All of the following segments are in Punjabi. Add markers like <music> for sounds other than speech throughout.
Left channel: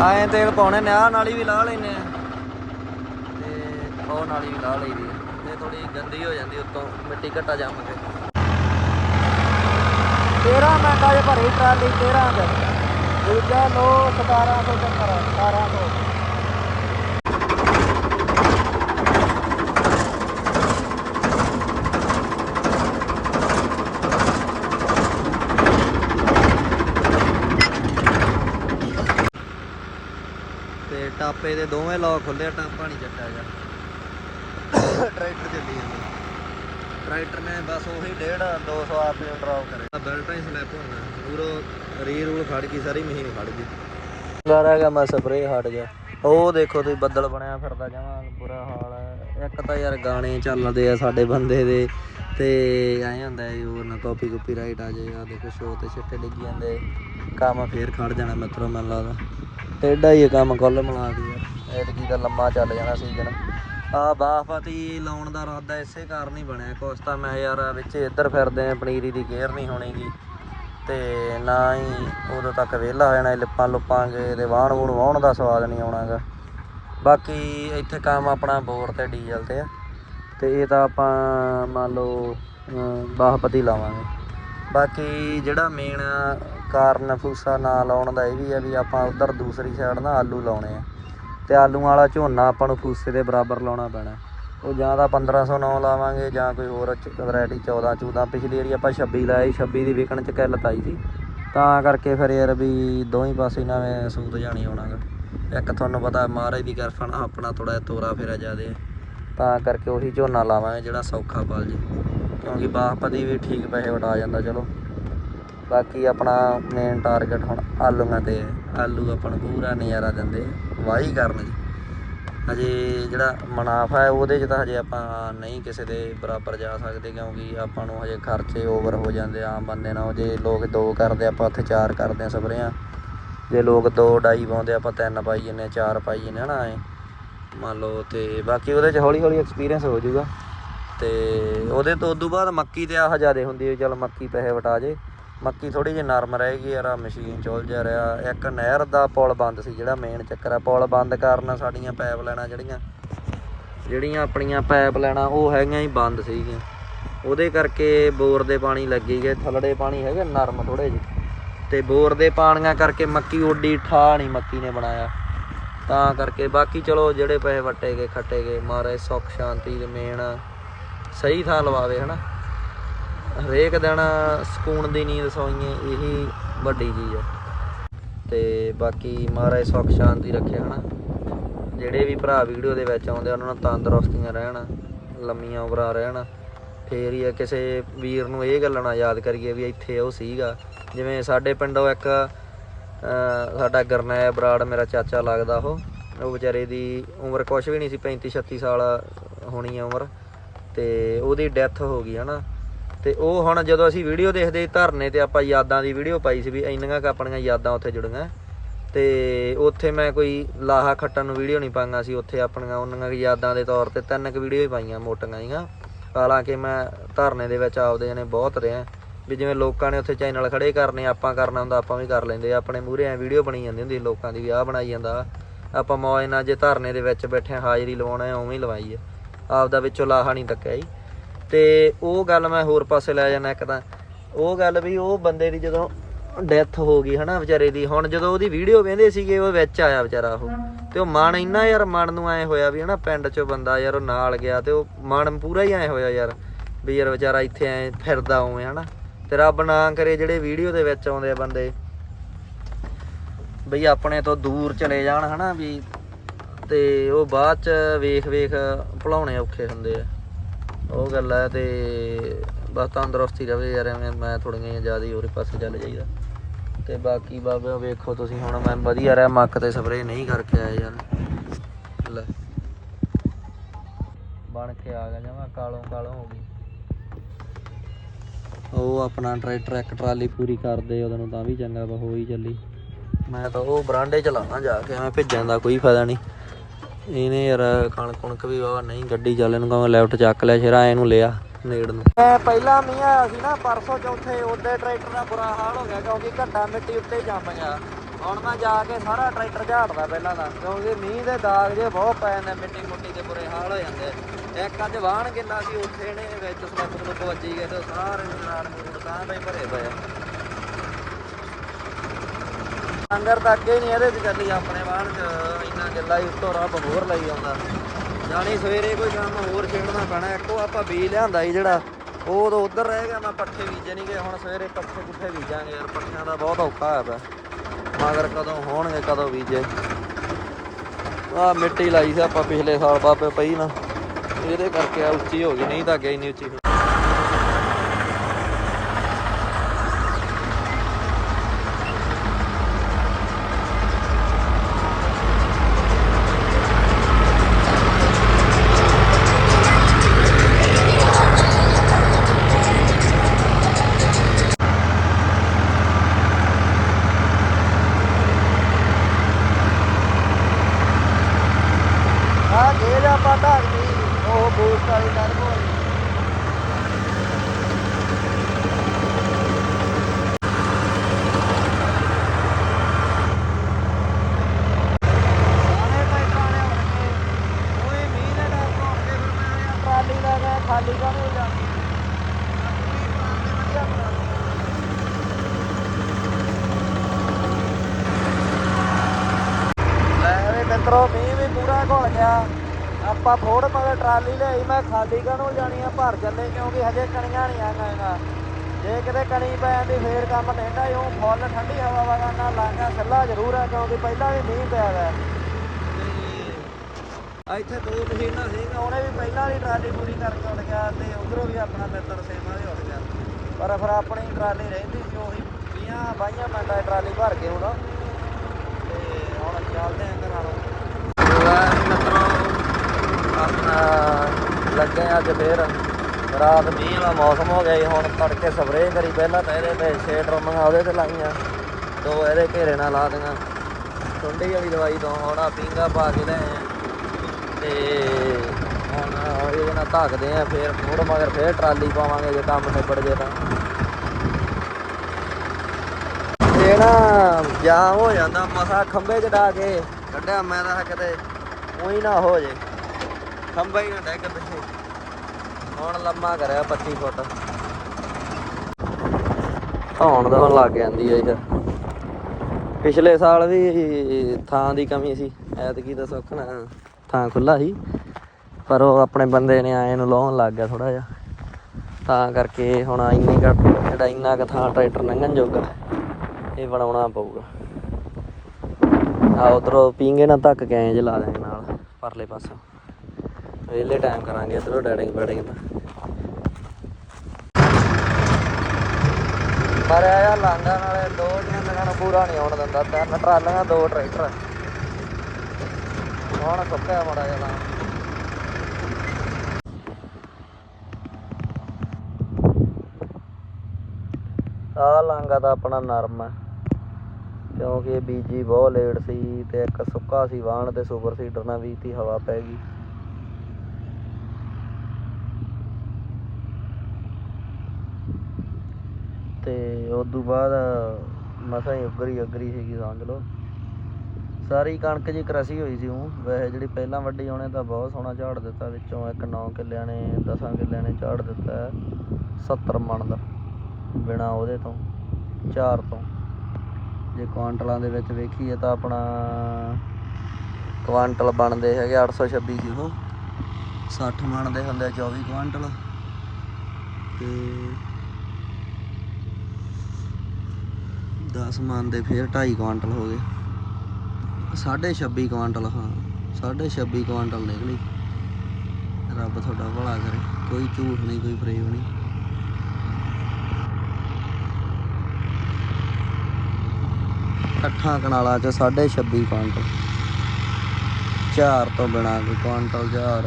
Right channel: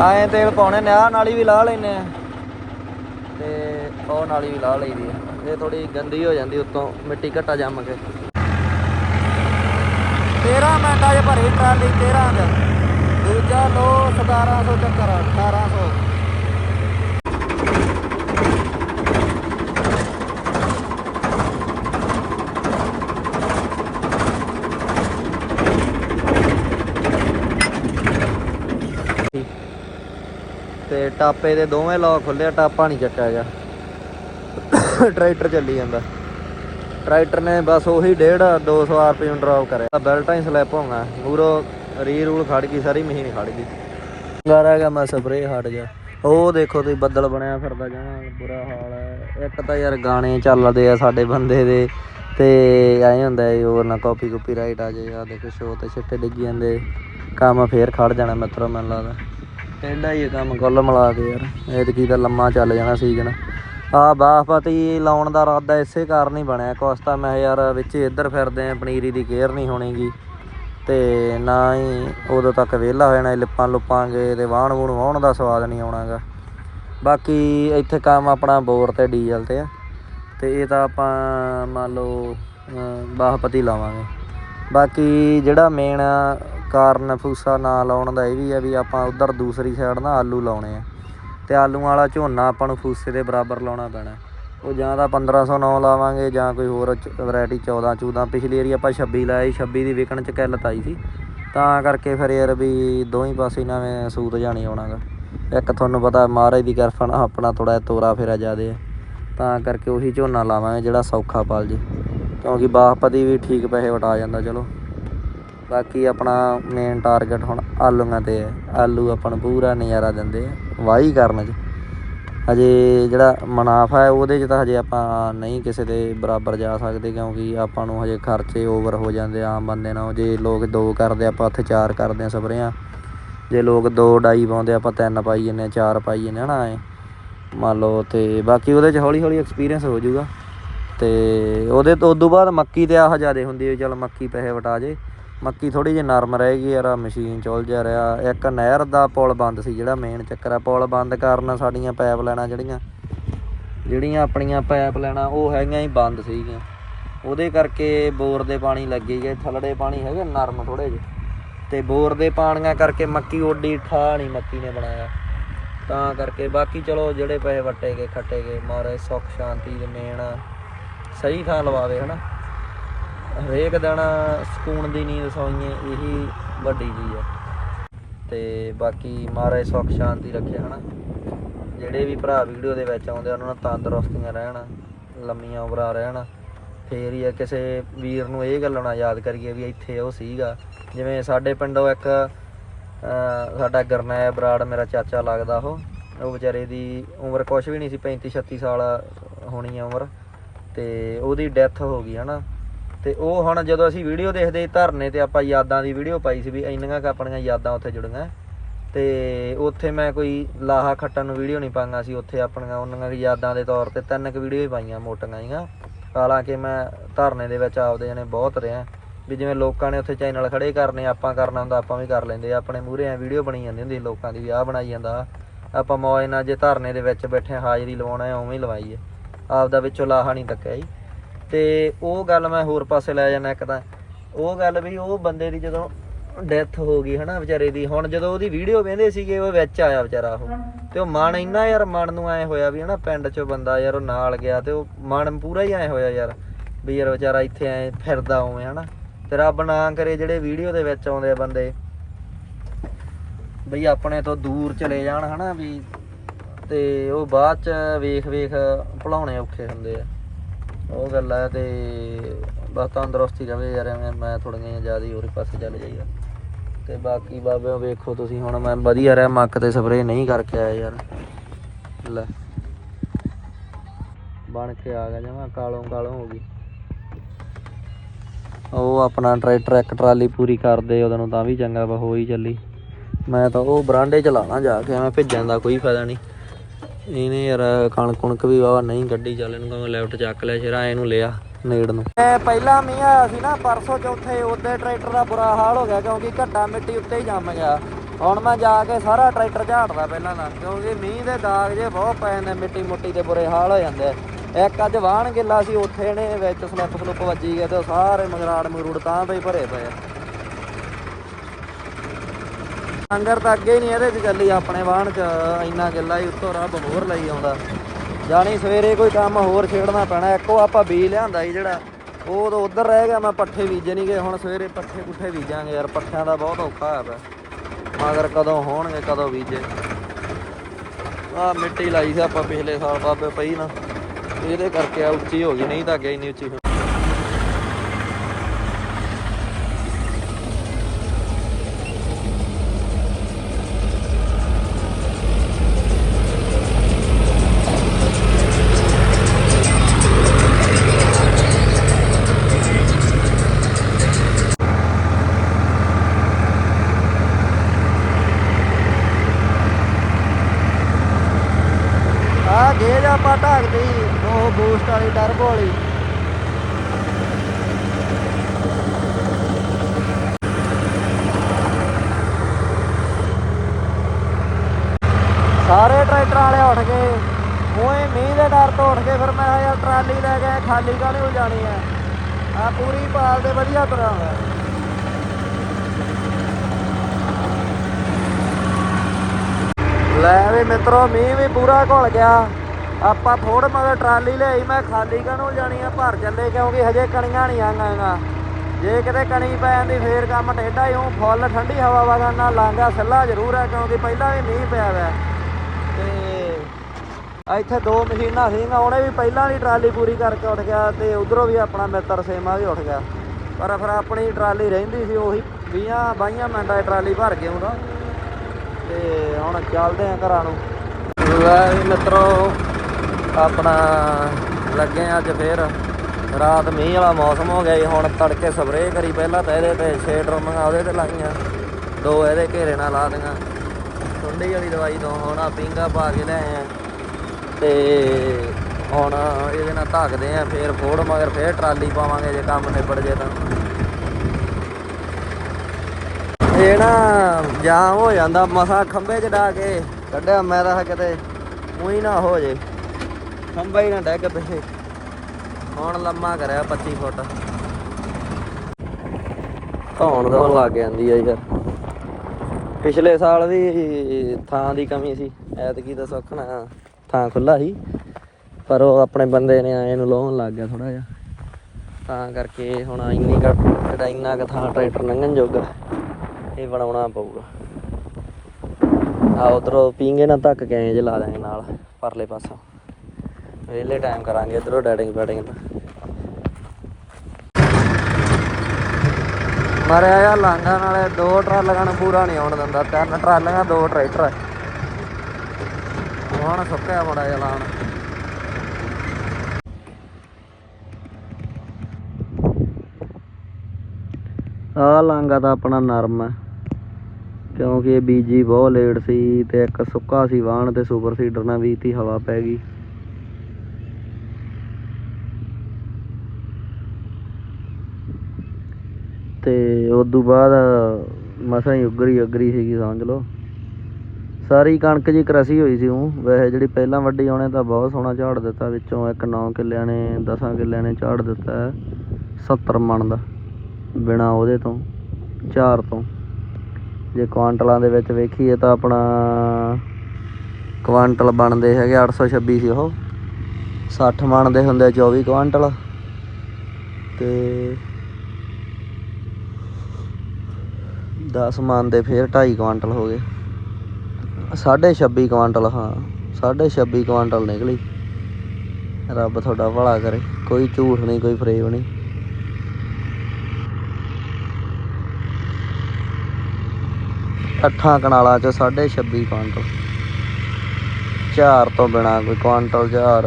ਆਏ ਤੇਲ ਪਾਉਣੇ ਨੇ, ਆਹ ਨਾਲੀ ਵੀ ਲਾ ਲੈਨੇ ਆ। ਤੇ ਉਹ ਨਾਲੀ ਵੀ ਲਾ ਲਈਦੀ ਆ। ਜੇ ਥੋੜੀ ਗੰਦੀ ਹੋ ਜਾਂਦੀ, ਉੱਤੋਂ ਮਿੱਟੀ ਘਟਾ ਜੰਮ ਕੇ ਕਿਹੜਾ ਨਾਟਾ ਇਹ ਭਰੀ ਟਰਾਲੀ ਕਿਹੜਾ ਦਾ। ਦੂਜਾ ਨੋ ਸਦਾਰਾ ਤੇ ਟਾਪੇ ਦੇ ਦੋਵੇਂ ਲੋਕ ਖੁੱਲੇ ਟਾਪਾ ਨਹੀਂ ਚੱਕਿਆ ਹੈਗਾ ਟਰੈਕਟਰ ਚੱਲੀ ਜਾਂਦਾ। ਟਰੈਕਟਰ ਨੇ ਬਸ ਉਹੀ 1.5 200 ਆਰਪੀਐਮ ਡ੍ਰੌਪ ਕਰਿਆ। ਬੈਲਟਾਂ ਹੀ ਸਲੈਪ ਹੋਗਾ ਪੂਰੋ ਰੀ ਰੂਲ ਖੜ ਗਈ, ਸਾਰੀ ਮਸ਼ੀਨ ਖੜ ਗਈ। ਲਾਰਾ ਗਿਆ ਮੈਂ ਸਪਰੇ ਹਟ ਗਿਆ। ਉਹ ਦੇਖੋ ਤੁਸੀਂ ਬੱਦਲ ਬਣਿਆ ਫਿਰਦਾ ਜਾਣਾ ਬੁਰਾ ਹਾਲ ਹੈ ਇੱਕ ਤਾਂ ਯਾਰ ਗਾਣੇ ਚੱਲਦੇ ਆ ਸਾਡੇ ਬੰਦੇ ਦੇ ਤੇ ਐਂ ਹੁੰਦਾ ਹੋਰ ਨਾ ਕਾਪੀ ਕਾਪੀ ਰਾਈਟ ਆ ਜਾਏ ਆ ਦੇਖੋ ਸ਼ੋਅ ਤੇ ਛਿੱਟੇ ਡਿੱਗੀ ਜਾਂਦੇ। ਕੰਮ ਫੇਰ ਖੜ ਜਾਣਾ ਮਿੱਤਰੋ, ਮੈਨੂੰ ਲੱਗਦਾ। ਟੇਡਾ ਹੀ ਇਹ ਕੰਮ ਕੁੱਲ ਮਿਲਾ ਕੇ ਯਾਰ। ਇਹ ਕੀ ਤਾਂ ਲੰਮਾ ਚੱਲ ਜਾਣਾ ਸੀਜ਼ਨ ਆ ਬਾਸਪਤੀ ਲਾਉਣ ਦਾ ਇਰਾਦਾ ਇਸੇ ਕਾਰਨ ਹੀ ਬਣਿਆ। ਕੁਛ ਮੈਂ ਯਾਰ ਵਿੱਚ ਹੀ ਇੱਧਰ ਫਿਰਦੇ ਆ, ਪਨੀਰੀ ਦੀ ਕੇਅਰ ਨਹੀਂ ਹੋਣੀਗੀ। ਤੇ ਨਾ ਹੀ ਉਦੋਂ ਤੱਕ ਵਿਹਲਾ ਹੋ ਜਾਣਾ, ਲਿਪਾਂ ਲੁੱਪਾਂਗੇ ਤੇ ਵਾਹਣ ਵੂਣ ਵਾਹਣ ਦਾ ਸਵਾਦ ਨਹੀਂ ਆਉਣਾਗਾ। ਬਾਕੀ ਇੱਥੇ ਕੰਮ ਆਪਣਾ ਬੋਰ ਤੇ ਡੀਜ਼ਲ ਤੇ ਆ। ਤੇ ਇਹ ਤਾਂ ਆਪਾਂ ਮੰਨ ਲਓ ਬਾਸਪਤੀ ਲਾਵਾਂਗੇ। ਬਾਕੀ ਜਿਹੜਾ ਮੇਨ ਕਾਰਨ ਫੂਸਾ ਨਾ ਲਾਉਣ ਦਾ ਇਹ ਵੀ ਆ ਵੀ ਆਪਾਂ ਉਧਰ ਦੂਸਰੀ ਸਾਈਡ ਨਾ ਆਲੂ ਲਾਉਣੇ ਆ। ਤੇ ਆਲੂਆਂ ਵਾਲਾ ਝੋਨਾ ਆਪਾਂ ਨੂੰ ਫੂਸੇ ਦੇ ਬਰਾਬਰ ਲਾਉਣਾ ਪੈਣਾ। ਉਹ ਜਾਂ ਤਾਂ 1509 ਲਾਵਾਂਗੇ ਜਾਂ ਕੋਈ ਹੋਰ ਵੈਰਾਈਟੀ 14 14 ਪਿਛਲੀ ਵਾਰੀ ਆਪਾਂ 26 ਲਾਏ 26 ਦੀ ਵਿਕਣ ਚ ਕਿੱਲ ਪਾਈ ਸੀ। ਤਾਂ ਕਰਕੇ ਫਿਰ ਯਾਰ ਵੀ ਦੋਹੀਂ ਪਾਸੇ ਨਵੇਂ ਸੂਤ ਜਾਣੀ ਆਉਣਾਗਾ। ਇੱਕ ਤੁਹਾਨੂੰ ਪਤਾ ਮਹਾਰਾਜ ਦੀ ਕਿਰਪਾ ਨਾਲ ਆਪਣਾ ਥੋੜਾ ਤੋਰਾ ਫੇਰਾ ਜ਼ਿਆਦੇ ਆ। ਤਾਂ ਕਰਕੇ ਉਹੀ ਝੋਨਾ ਲਾਵਾਂਗੇ ਜਿਹੜਾ ਸੌਖਾ ਪਲ ਜੇ। ਕਿਉਂਕਿ ਬਾਸਪਤੀ ਵੀ ਠੀਕ ਪੈਸੇ ਵਟਾ ਜਾਂਦਾ, ਚਲੋ। ਬਾਕੀ ਆਪਣਾ ਮੇਨ ਟਾਰਗੇਟ ਹੁਣ ਆਲੂਆਂ ਤੇ ਹੈ। ਆਲੂ ਆਪਾਂ ਨੂੰ ਪੂਰਾ ਨਜ਼ਾਰਾ ਦਿੰਦੇ ਵਾਹੀ ਕਰਨ 'ਚ ਹਜੇ ਜਿਹੜਾ ਮੁਨਾਫਾ ਹੈ ਉਹਦੇ 'ਚ ਤਾਂ ਹਜੇ ਆਪਾਂ ਨਹੀਂ ਕਿਸੇ ਦੇ ਬਰਾਬਰ ਜਾ ਸਕਦੇ ਕਿਉਂਕਿ ਆਪਾਂ ਨੂੰ ਹਜੇ ਖਰਚੇ ਓਵਰ ਹੋ ਜਾਂਦੇ ਆਮ ਬੰਦੇ ਨਾਲ ਜੇ ਲੋਕ ਦੋ ਕਰਦੇ ਆਪਾਂ ਉੱਥੇ ਚਾਰ ਕਰਦੇ ਆ ਸਪਰੇਆਂ। ਜੇ ਲੋਕ ਦੋ ਡਾਈ ਪਾਉਂਦੇ ਆਪਾਂ ਤਿੰਨ ਪਾਈ ਜੰਨੇ ਆ, ਚਾਰ ਪਾਈ ਜੰਨੇ ਹਨਾ ਐਂ। ਮੰਨ ਲਓ ਤੇ ਬਾਕੀ ਉਹਦੇ 'ਚ ਹੌਲੀ ਹੌਲੀ ਐਕਸਪੀਰੀਅੰਸ ਹੋ ਜਾਊਗਾ। ਤੇ ਉਹਦੇ ਤੋਂ ਉਦੋਂ ਬਾਅਦ ਮੱਕੀ ਤੇ ਆਹ ਜ਼ਿਆਦੇ ਹੁੰਦੀ ਹੈ ਚਲ ਮੱਕੀ ਪੈਸੇ ਵਟਾ ਜੇ। ਮੱਕੀ ਥੋੜੀ ਜਿਹੀ ਨਰਮ ਰਹਿ ਗਈ ਯਾਰ, ਆਹ ਮਸ਼ੀਨ ਚੁੱਲ ਜਾ ਰਿਹਾ। ਇੱਕ ਨਹਿਰ ਦਾ ਪੁਲ ਬੰਦ ਸੀ ਜਿਹੜਾ ਮੇਨ ਚੱਕਰ ਆ। ਪੁਲ ਬੰਦ ਕਾਰਨ ਸਾਡੀਆਂ ਪਾਈਪ ਲੈਣਾ ਜਿਹੜੀਆਂ ਜਿਹੜੀਆਂ ਆਪਣੀਆਂ ਪਾਈਪ ਲੈਣਾ ਉਹ ਹੈਗੀਆਂ ਹੀ ਬੰਦ ਸੀਗੀਆਂ। ਉਹਦੇ ਕਰਕੇ ਬੋਰ ਦੇ ਪਾਣੀ ਲੱਗੇ ਗਏ। ਥੱਲੜੇ ਪਾਣੀ ਹੈਗੇ ਨਰਮ ਥੋੜੇ ਜਿਹੇ। ਤੇ ਬੋਰ ਦੇ ਪਾਣੀਆਂ ਕਰਕੇ ਮੱਕੀ ਓਡੀ ਠਾ ਨਹੀਂ ਮੱਕੀ ਨੇ ਬਣਾਇਆ। ਤਾਂ ਕਰਕੇ ਬਾਕੀ ਚਲੋ ਜਿਹੜੇ ਪੈਸੇ ਵਟੇ ਗਏ, ਖੱਟੇ ਗਏ ਮਾਰੇ ਸੁੱਖ ਸ਼ਾਂਤੀ ਦੇ ਮੇਨ ਸਹੀ ਥਾਂ ਲਵਾਵੇ, ਹਨਾ? ਹਰੇਕ ਦਿਨ ਸਕੂਨ ਦੀ ਨੀਂਦ ਸੌਈਏ ਇਹੀ ਵੱਡੀ ਚੀਜ਼ ਆ। ਤੇ ਬਾਕੀ ਮਹਾਰਾਜ ਸੁੱਖ ਸ਼ਾਂਤੀ ਰੱਖੇ ਹਨਾ। ਜਿਹੜੇ ਵੀ ਭਰਾ ਵੀਡੀਓ ਦੇ ਵਿੱਚ ਆਉਂਦੇ ਆ, ਉਹਨਾਂ ਨੂੰ ਤੰਦਰੁਸਤੀਆਂ ਰਹਿਣ ਲੰਮੀਆਂ ਉਮਰਾਂ ਰਹਿਣ। ਫੇਰ ਹੀ ਕਿਸੇ ਵੀਰ ਨੂੰ ਇਹ ਗੱਲ ਨਾ ਯਾਦ ਕਰੀਏ ਵੀ ਇੱਥੇ ਉਹ ਸੀਗਾ। ਜਿਵੇਂ ਸਾਡੇ ਪਿੰਡੋਂ ਇੱਕ ਸਾਡਾ ਗਰਨੈ ਬਰਾੜ ਮੇਰਾ ਚਾਚਾ ਲੱਗਦਾ ਉਹ। ਉਹ ਵਿਚਾਰੇ ਦੀ ਉਮਰ ਕੁਛ ਵੀ ਨਹੀਂ ਸੀ 35 36 ਸਾਲ ਹੋਣੀ ਆ ਉਮਰ। ਤੇ ਉਹਦੀ ਡੈਥ ਹੋ ਗਈ ਹਨਾ। ਤੇ ਉਹ ਹੁਣ ਜਦੋਂ ਅਸੀਂ ਵੀਡੀਓ ਦੇਖਦੇ ਸੀ ਧਰਨੇ ਤੇ ਆਪਾਂ ਯਾਦਾਂ ਦੀ ਵੀਡੀਓ ਪਾਈ ਸੀ ਵੀ ਇੰਨੀਆਂ ਕੁ ਆਪਣੀਆਂ ਯਾਦਾਂ ਉੱਥੇ ਜੁੜੀਆਂ। ਤੇ ਉੱਥੇ ਮੈਂ ਕੋਈ ਲਾਹਾ ਖੱਟਣ ਨੂੰ ਵੀਡੀਓ ਨਹੀਂ ਪਾਈਆਂ ਸੀ, ਉੱਥੇ ਆਪਣੀਆਂ ਉਹਨਾਂ ਕੁ ਯਾਦਾਂ ਦੇ ਤੌਰ ਤੇ ਤਿੰਨ ਕੁ ਵੀਡੀਓ ਹੀ ਪਾਈਆਂ ਮੋਟੀਆਂ ਜੀਆਂ ਹਾਲਾਂਕਿ ਮੈਂ ਧਰਨੇ ਦੇ ਵਿੱਚ ਆਪਦੇ ਜਣੇ ਬਹੁਤ ਰਿਹਾ, ਵੀ ਜਿਵੇਂ ਲੋਕਾਂ ਨੇ ਉੱਥੇ ਚੈਨਲ ਖੜੇ ਕਰਨੇ, ਆਪਾਂ ਕਰਨਾ ਹੁੰਦਾ, ਆਪਾਂ ਵੀ ਕਰ ਲੈਂਦੇ ਆਪਣੇ ਮੂਹਰੇ ਐ ਵੀਡੀਓ ਬਣੀ ਜਾਂਦੀ ਹੁੰਦੀ ਲੋਕਾਂ ਦੀ ਵੀ ਆਹ ਬਣਾਈ ਜਾਂਦਾ। ਆਪਾਂ ਮੌਜ ਨਾਲ ਜੇ ਧਰਨੇ ਦੇ ਵਿੱਚ ਬੈਠੇ ਹਾਜ਼ਰੀ ਲਵਾਉਣਾ ਹੈ ਉਵੇਂ ਹੀ ਲਵਾਈਏ। ਆਪਦਾ ਵਿੱਚੋਂ ਲਾਹਾ ਨਹੀਂ ਤੱਕਿਆ ਜੀ। ਤੇ ਉਹ ਗੱਲ ਮੈਂ ਹੋਰ ਪਾਸੇ ਲੈ ਜਾਣਾ ਇੱਕ ਤਾਂ। ਉਹ ਗੱਲ ਵੀ ਉਹ ਬੰਦੇ ਦੀ ਜਦੋਂ ਡੈਥ ਹੋ ਗਈ ਹਨਾ ਵਿਚਾਰੇ ਦੀ, ਹੁਣ ਜਦੋਂ ਉਹਦੀ ਵੀਡੀਓ ਵੇਂਦੇ ਸੀਗੇ, ਉਹ ਵਿੱਚ ਆਇਆ ਵਿਚਾਰਾ ਉਹ। ਤੇ ਉਹ ਮਨ ਇੰਨਾ ਯਾਰ, ਮਨ ਨੂੰ ਐ ਹੋਇਆ ਵੀ ਹਨਾ, ਪਿੰਡ ਚੋਂ ਬੰਦਾ ਯਾਰ ਉਹ ਨਾਲ ਗਿਆ ਤੇ ਉਹ ਮਨ ਪੂਰਾ ਹੀ ਐ ਹੋਇਆ ਯਾਰ, ਵੀ ਯਾਰ ਵਿਚਾਰਾ ਇੱਥੇ ਐ ਫਿਰਦਾ ਉਵੇਂ ਹਨਾ। ਤੇ ਰੱਬ ਨਾ ਕਰੇ ਜਿਹੜੇ ਵੀਡੀਓ ਦੇ ਵਿੱਚ ਆਉਂਦੇ ਆ ਬੰਦੇ, ਬਈ ਆਪਣੇ ਤੋਂ ਦੂਰ ਚਲੇ ਜਾਣ ਹਨਾ ਵੀ, ਤੇ ਉਹ ਬਾਅਦ ਚ ਵੇਖ ਵੇਖ ਭੁਲਾਉਣੇ ਔਖੇ ਹੁੰਦੇ ਆ। ਉਹ ਗੱਲ ਹੈ ਤੇ ਬਸ ਤੰਦਰੁਸਤੀ ਰਵੇ ਯਾਰ, ਐਵੇਂ ਮੈਂ ਥੋੜੀਆਂ ਜ਼ਿਆਦਾ ਹੀ ਹੋਰੇ ਪਾਸੇ ਚੱਲ ਜਾਈਦਾ। ਤੇ ਬਾਕੀ ਬਾਬੇ ਵੇਖੋ ਤੁਸੀਂ ਹੁਣ ਮੈਂ ਵਧੀਆ ਰਿਹਾ, ਮੱਕ ਤੇ ਸਪਰੇਅ ਨਹੀਂ ਕਰਕੇ ਆਇਆ ਯਾਰ। ਲੈ। ਬਣ ਕੇ ਆ ਗਿਆ ਜਮਾ, ਕਾਲੋਂ ਕਾਲੋਂ ਹੋ ਗਈ। ਉਹ ਆਪਣਾ ਟਰੈਕਟਰ, ਇੱਕ ਟਰਾਲੀ ਪੂਰੀ ਕਰਦੇ, ਉਹਦੋਂ ਤਾਂ ਵੀ ਚੰਗਾ ਵਾ, ਹੋ ਹੀ ਚੱਲੀ। ਮੈਂ ਤਾਂ ਉਹ ਬਰਾਂਡੇ ਚ ਲਾਣਾ ਜਾ ਕੇ, ਐਵੇਂ ਭੇਜਣ ਦਾ ਕੋਈ ਫਾਇਦਾ ਨਹੀਂ। ਇਹਨੇ ਯਾਰ ਕਣਕ ਕੁਣਕ ਵੀ ਵਾ ਨਹੀਂ ਗੱਡੀ ਚੱਲ ਇਹਨੂੰ ਕਹਾਂ ਲੈਫਟ ਚੱਕ ਲਿਆ, ਸ਼ੇਰਾ ਇਹਨੂੰ ਲਿਆ, ਨੇੜ ਨੂੰ। ਪਹਿਲਾਂ ਮੀਂਹ ਆਇਆ ਸੀ ਨਾ ਪਰਸੋਂ ਚੌਥੇ ਉਹਦੇ ਟਰੈਕਟਰ ਦਾ ਬੁਰਾ ਹਾਲ ਹੋ ਗਿਆ, ਕਿਉਂਕਿ ਘੱਡਾ ਮਿੱਟੀ ਉੱਤੇ ਹੀ ਜੰਮ ਗਿਆ। ਹੁਣ ਮੈਂ ਜਾ ਕੇ ਸਾਰਾ ਟਰੈਕਟਰ ਝਾੜਦਾ ਪਹਿਲਾਂ ਕਿਉਂਕਿ ਮੀਂਹ ਦੇ ਦਾਗ ਜੇ ਬਹੁਤ ਪਏ ਨੇ ਮਿੱਟੀ ਮੁੱਟੀ ਦੇ ਬੁਰੇ ਹਾਲ ਹੋ ਜਾਂਦੇ ਆ। ਇੱਕ ਅੱਜ ਵਾਹਣ ਗਿੱਲਾ ਸੀ, ਉੱਥੇ ਨੇ ਵਿੱਚ ਸਲਿੱਪ ਸਲੁੱਪ ਵੱਜੀ ਗਏ ਤੇ ਉਹ ਸਾਰੇ ਮਗਰਾੜ ਮਰੂੜ ਤਾਂ ਵੀ ਭਰੇ ਪਏ ਆ। ਅੰਦਰ ਤਾਂ ਅੱਗੇ ਨਹੀਂ ਇਹਦੇ ਕੀ ਚੱਲੀ ਆਪਣੇ ਵਾਹਣ ਚ ਇੰਨਾ ਗਿੱਲਾ ਹੀ। ਹੁੰਦਾ। ਜਾਣੀ ਸਵੇਰੇ ਕੋਈ ਕੰਮ ਹੋਰ ਛੇੜਨਾ ਪੈਣਾ, ਇੱਕੋ ਆਪਾਂ ਬੀ ਲਿਆਂਦਾ ਸੀ ਜਿਹੜਾ। ਉਹ ਤਾਂ ਉਧਰ ਰਹਿ ਗਿਆ, ਮੈਂ ਪੱਠੇ ਬੀਜੇ ਨਹੀਂ ਗਏ। ਹੁਣ ਸਵੇਰੇ ਪੱਠੇ ਕਿੱਥੇ ਬੀਜਾਂਗੇ ਯਾਰ? ਪੱਠਿਆਂ ਦਾ ਬਹੁਤ ਔਖਾ ਹੈ ਪਿਆ। ਮਗਰ ਕਦੋਂ ਹੋਣਗੇ, ਕਦੋਂ ਬੀਜੇ। ਆ ਮਿੱਟੀ ਲਾਈ ਸੀ ਆਪਾਂ ਪਿਛਲੇ ਸਾਲ, ਬਾਬੇ ਪਈ ਨਾ। ਇਹਦੇ ਕਰਕੇ ਆ, ਉੱਚੀ ਹੋ ਗਈ, ਨਹੀਂ ਤਾਂ ਅੱਗੇ ਇੰਨੀ ਉੱਚੀ ਸਾਰੇ ਟਰੈਕਟਰ ਵਾਲੇ ਉੱਠ ਗਏ ਓਏ ਮੀਂਹ ਦੇ ਡਰ ਤੋਂ ਉੱਠ ਗਏ ਫਿਰ ਮੈਂ ਕਿਹਾ ਯਾਰ ਟਰਾਲੀ ਲੈ ਕੇ ਖਾਲੀ ਕਾਹਨੂੰ ਹੋ ਜਾਣੀ ਆ ਆ ਪੂਰੀ ਪਾਲ ਦੇ ਵਧੀਆ ਤਰ੍ਹਾਂ ਲੈ ਵੀ ਮਿੱਤਰੋ ਮੀਂਹ ਵੀ ਪੂਰਾ ਘੁਲ ਗਿਆ ਆਪਾਂ ਥੋੜ ਮਗਰ ਟਰਾਲੀ ਲਈ ਮੈਂ ਖਾਲੀ ਕਾਹਨੂੰ ਜਾਣੀ ਆ ਭਰ ਚੱਲੇ ਕਿਉਂਕਿ ਹਜੇ ਕਣੀਆਂ ਨਹੀਂ ਆਂਗਾਂਗਾ ਜੇ ਕਿਤੇ ਕਣੀ ਪੈ ਜਾਂਦੀ ਫੇਰ ਕੰਮ ਟੇਢਾ ਹੀ ਹੂੰ ਫੁੱਲ ਠੰਡੀ ਹਵਾ ਵਗਾ ਨਾਲ ਲਾਂਗਾ ਸੱਲਾ ਜ਼ਰੂਰ ਹੈ ਕਿਉਂਕਿ ਪਹਿਲਾਂ ਵੀ ਮੀਂਹ ਪਿਆ ਵਾ ਤੇ ਆ ਇੱਥੇ ਦੋ ਮਸ਼ੀਨਾਂ ਸੀਗੀਆਂ ਉਹਨੇ ਵੀ ਪਹਿਲਾਂ ਦੀ ਟਰਾਲੀ ਪੂਰੀ ਕਰਕੇ ਉੱਠ ਗਿਆ ਤੇ ਉਧਰੋਂ ਵੀ ਆਪਣਾ ਮਿੱਤਰ ਸੇਮਾ ਵੀ ਉੱਠ ਗਿਆ। ਪਰ ਫਿਰ ਆਪਣੀ ਟਰਾਲੀ ਰਹਿੰਦੀ ਸੀ, ਉਹੀ 20 22 ਮਿੰਟਾਂ ਟਰਾਲੀ ਭਰ ਕੇ ਹੁਣ ਤੇ ਹੁਣ ਚੱਲਦੇ ਆਂ ਘਰਾਂ ਨੂੰ। ਲੈ ਵੀ ਮਿੱਤਰੋ, ਆਪਣਾ ਲੱਗੇ ਮੀਂਹ ਵਾਲਾ ਮੌਸਮ ਹੋ ਗਿਆ ਹੁਣ ਤੜਕੇ ਸਪਰੇਅ ਕਰੀ, ਪਹਿਲਾਂ ਪਹਿਲੇ ਇਹਦੇ ਤੇ ਛੇ ਡਰਮਾਂ ਉਹਦੇ ਤੇ ਲਾਈਆਂ, ਦੋ ਇਹਦੇ ਘੇਰੇ ਨਾਲ ਲਾ ਦੀਆਂ ਠੰਡੀ ਵਾਲੀ ਦਵਾਈ ਦੋ ਹੁਣ ਆ ਪਿੰਗਰ ਪਾ ਤੇ ਹੁਣ ਧੱਕਦੇ ਆ ਫੇਰ ਫੋੜ ਮਗਰ ਫੇਰ ਟਰਾਲੀ ਪਾਵਾਂਗੇ ਜੇ ਕੰਮ ਨਿਬੜ ਜੇ ਤਾਂ। ਫੇਰ ਜਾ ਹੋ ਜਾਂਦਾ ਮਹਾ ਖੰਬੇ 'ਚ ਜਾ ਕੇ ਕੱਢਿਆ ਮੈਂ ਤਾਂ ਕਿਤੇ ਕੋਈ ਨਾ ਹੋ ਜੇ। ਖੰਬਾ ਹੀ ਨਾ ਡੈਗ ਪਿੱਛੇ। ਧੌਣ ਦਾ ਲੱਗ ਜਾਂਦੀ ਆ ਯਾਰ ਪਿਛਲੇ ਸਾਲ ਵੀ ਥਾਂ ਦੀ ਕਮੀ ਸੀ, ਐਤਕੀ ਤਾਂ ਸੁੱਖਣਾ ਥਾਂ ਖੁੱਲਾ ਸੀ, ਪਰ ਉਹ ਆਪਣੇ ਬੰਦੇ ਨੇ ਆਏ ਨੂੰ ਲਾਉਣ ਲੱਗ ਗਿਆ ਥੋੜਾ ਜਿਹਾ। ਤਾਂ ਕਰਕੇ ਹੁਣ ਇੰਨੀ ਜਿਹੜਾ ਇੰਨਾ ਕੁ ਥਾਂ ਟਰੈਕਟਰ ਲੰਘਣ ਜੋਗਾ, ਇਹ ਬਣਾਉਣਾ ਪਊਗਾ। ਆ ਉਧਰੋਂ ਪੀਂਗੇ ਨਾ ਧੱਕ ਕੇ ਜੇ ਲਾ ਦੇਣੇ ਨਾਲ, ਪਰਲੇ ਪਾਸੋਂ। ਵੇਲੇ ਟਾਈਮ ਕਰਾਂਗੇ ਇਧਰੋਂ ਡੈਡਿੰਗ ਬੈਡਿੰਗ ਪਰ ਇਹ ਲਾਂਗਾ ਨਾਲੇ ਦੋ ਟਰਾਲੀਆਂ ਪੂਰਾ ਨਹੀਂ ਆਉਣ ਦਿੰਦਾ, ਤਿੰਨ ਟਰਾਲੀਆਂ, ਦੋ ਟਰੈਕਟਰ ਆ ਹੁਣ ਸੱਪਿਆ ਬੜਾ ਜਿਹਾ ਨਾਲ ਆ ਲਾਂਗਾ ਤਾਂ ਆਪਣਾ ਨਰਮ ਹੈ। ਕਿਉਂਕਿ ਇਹ ਬੀਜੀ ਬਹੁਤ ਲੇਟ ਸੀ ਤੇ ਇੱਕ ਸੁੱਕਾ ਸੀ ਵਾਹਣ ਤੇ ਸੁਪਰ ਸੀਡਰ ਨਾਲ ਵੀ ਤੀ ਹਵਾ ਪੈ ਗਈ। ਤੇ ਉਸ ਤੋਂ ਬਾਅਦ ਮਸਾਂ ਹੀ ਉਗਰੀ ਉਗਰੀ ਸੀਗੀ ਸਮਝ ਲਓ। ਸਾਰੀ ਕਣਕ ਜੀ ਕਰਸੀ ਹੋਈ ਸੀ ਉਹ ਵੈਸੇ ਜਿਹੜੀ ਪਹਿਲਾਂ ਵੱਡੀ ਉਹਨੇ ਤਾਂ ਬਹੁਤ ਸੋਹਣਾ ਝਾੜ ਦਿੱਤਾ, ਵਿੱਚੋਂ ਇੱਕ 9 ਕਿੱਲਿਆਂ ਨੇ 10 ਕਿੱਲਿਆਂ ਨੇ ਝਾੜ ਦਿੱਤਾ ਹੈ। 70 ਮਣ ਦਾ। ਬਿਨਾ ਉਹਦੇ ਤੋਂ, ਚਾਰ ਤੋਂ। ਜੇ ਕੁਆਂਟਲਾਂ ਦੇ ਵਿੱਚ ਵੇਖੀਏ ਤਾਂ ਆਪਣਾ ਕੁਆਂਟਲ ਬਣਦੇ ਹੈਗੇ 826 ਸੀ ਉਹ। 60 ਮਣ ਦੇ ਹੁੰਦੇ 24 ਕੁਆਂਟਲ। ਤੇ 10 ਮਣ ਦੇ ਫਿਰ 2.5 ਕੁਆਂਟਲ ਹੋ ਗਏ। ਸਾਢੇ 26 ਕੁਆਂਟਲ, ਹਾਂ, ਸਾਢੇ 26 ਕੁਆਂਟਲ ਨਿਕਲੀ। ਰੱਬ ਤੁਹਾਡਾ ਭਲਾ ਕਰੇ, ਕੋਈ ਝੂਠ ਨਹੀਂ, ਕੋਈ ਫਰੇਬ ਨਹੀਂ। ਅੱਠਾਂ ਕਨਾਲਾਂ ਚ ਸਾਢੇ 26 ਕੁਇੰਟਲ ਝਾਰ ਤੋਂ ਬਿਨਾ ਕੋਈ ਕੁਇੰਟਲ ਝਾਰ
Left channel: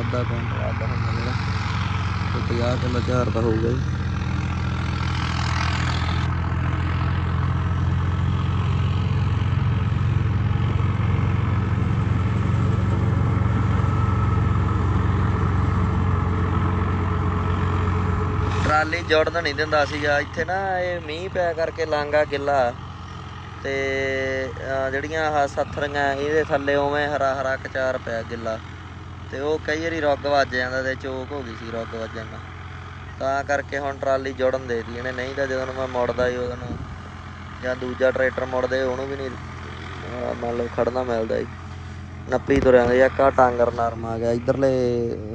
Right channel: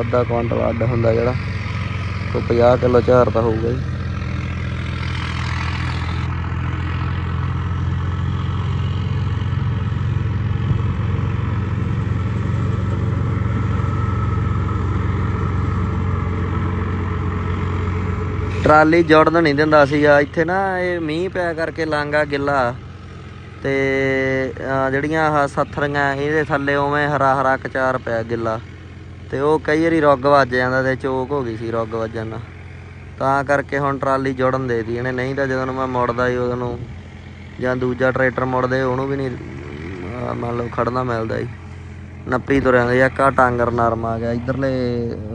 ਅੱਧਾ ਕੁਇੰਟਲ ਅੱਧ ਹੁੰਦਾ ਜਿਹੜਾ। ਕੋਈ 50 ਕਿਲੋ ਝਾਰ ਤਾਂ ਹੋਊਗਾ ਹੀ। ਟਰਾਲੀ ਜੁੜਨ ਨਹੀਂ ਦਿੰਦਾ ਸੀਗਾ। ਇੱਥੇ ਨਾ ਇਹ ਮੀਂਹ ਪਿਆ ਕਰਕੇ ਲਾਂਗਾ ਗਿੱਲਾ ਤੇ ਜਿਹੜੀਆਂ ਆਹ ਸੱਥਰੀਆਂ ਇਹਦੇ ਥੱਲੇ ਉਵੇਂ ਹਰਾ ਹਰਾ ਕਚਾਰ ਪਿਆ ਗਿੱਲਾ। ਤੇ ਉਹ ਕਈ ਵਾਰੀ ਰੁੱਗ ਵੱਜ ਜਾਂਦਾ ਤੇ ਚੋਕ ਹੋ ਗਈ ਸੀ ਰੁੱਗ ਵੱਜਣ ਨਾਲ। ਤਾਂ ਕਰਕੇ ਹੁਣ ਟਰਾਲੀ ਜੁੜਨ ਦੇ ਦੀ ਇਹਨੇ, ਨਹੀਂ ਤਾਂ ਜਦੋਂ ਨੂੰ ਮੈਂ ਮੁੜਦਾ ਹੀ ਉਹਨੂੰ, ਜਾਂ ਦੂਜਾ ਟਰੈਕਟਰ ਮੁੜਦੇ ਉਹਨੂੰ ਵੀ ਨਹੀਂ ਮੰਨ ਲਓ ਖੜਨਾ ਮਿਲਦਾ ਜੀ ਨੱਪੀ ਤੁਰਿਆ ਜਾਂ ਕਾ ਟਾਂਗਰ ਨਰਮ ਆ ਗਿਆ, ਇਧਰਲੇ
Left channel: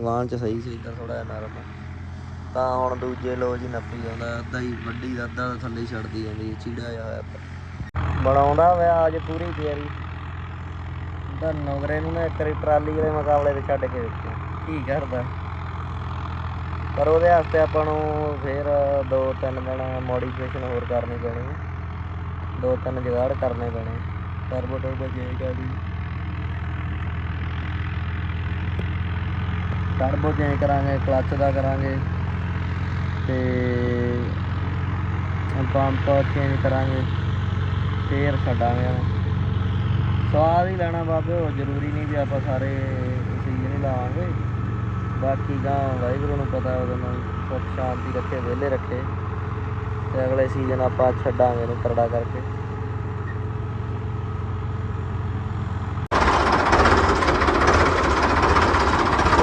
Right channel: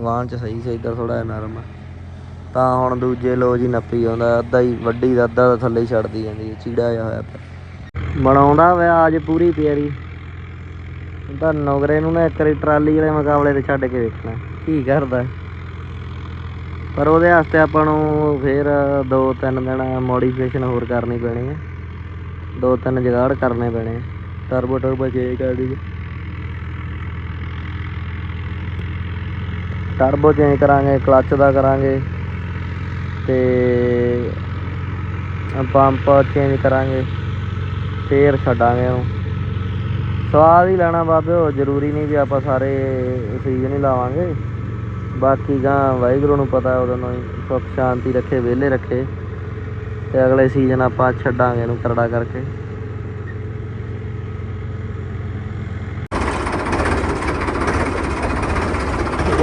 ਵਾਹਨ ਚ ਸਹੀ ਸੀ, ਇਧਰ ਥੋੜਾ ਨਰਮ। ਤਾਂ ਹੁਣ ਦੂਜੇ ਲੋ ਜੀ ਨੱਪੀ ਆਉਂਦਾ, ਅੱਧਾ ਹੀ ਵੱਡੀ ਦਾ, ਅੱਧਾ ਤਾਂ ਥੱਲੇ ਹੀ ਛੱਡਦੀ ਜਾਂਦੀ ਹੈ, ਚੀੜਾ ਜਿਹਾ ਹੋਇਆ ਬਣਾਉਂਦਾ ਹੋਇਆ ਅੱਜ ਪੂਰੀ ਤਿਆਰੀ। ਤਾਂ ਨੋਗਰੇ ਨੂੰ ਨਾ ਇੱਕ ਵਾਰੀ ਟਰਾਲੀ ਦੇ ਮੁਕਾਬਲੇ ਤੇ ਛੱਡ ਕੇ ਵੇਖਣਾ, ਕੀ ਕਰਦਾ। ਪਰ ਉਹਦੇ ਵਾਸਤੇ ਆਪਾਂ ਨੂੰ ਫੇਰ ਦੋ ਤਿੰਨ ਦਿਨ ਮੋਡੀਫਿਕੇਸ਼ਨ ਹੋਰ ਕਰਨੀ ਪੈਣੀ ਹੈ ਦੋ ਤਿੰਨ ਜਗਾੜ ਕਰਨੇ ਪੈਣੇ ਟਰਬੋ ਟਰਬੋ ਚੇਂਜ ਕਰ ਦੀ ਟਰਬੋ ਚੇਂਜ ਕਰਾਂਗੇ ਕਲੱਚ ਦਾ ਕਰਾਂਗੇ ਤੇ ਪੰਪ ਚੇਂਜ ਕਰਾਂਗੇ। ਫੇਰ ਛੱਡਾਂਗੇ ਉਹ ਸਵਾਦ ਹੀ ਲੈਣਾ ਬਾਬੇ ਜ਼ਰੂਰੀ ਨਹੀਂ ਵੀ ਆਪਾਂ ਸਾਰੇ ਸੀਜ਼ਨ ਹੀ ਲਾਵਾਂਗੇ। ਬਾਕੀ ਗਾਂ ਵਾਹਿਗੁਰੂ ਨੂੰ ਪਤਾ ਉਹਦੇ ਨਾਲ ਸੁੱਖ ਸ਼ਾਂਤੀ ਰੱਖੇ, ਵਿਹਲੇ ਰੱਖੇ। ਤੇ ਅਗਲੇ ਸੀਜ਼ਨ ਆਪਾਂ ਛੱਡਾਂਗੇ ਇਹਨੂੰ ਕਰੜਾ ਕਰਕੇ।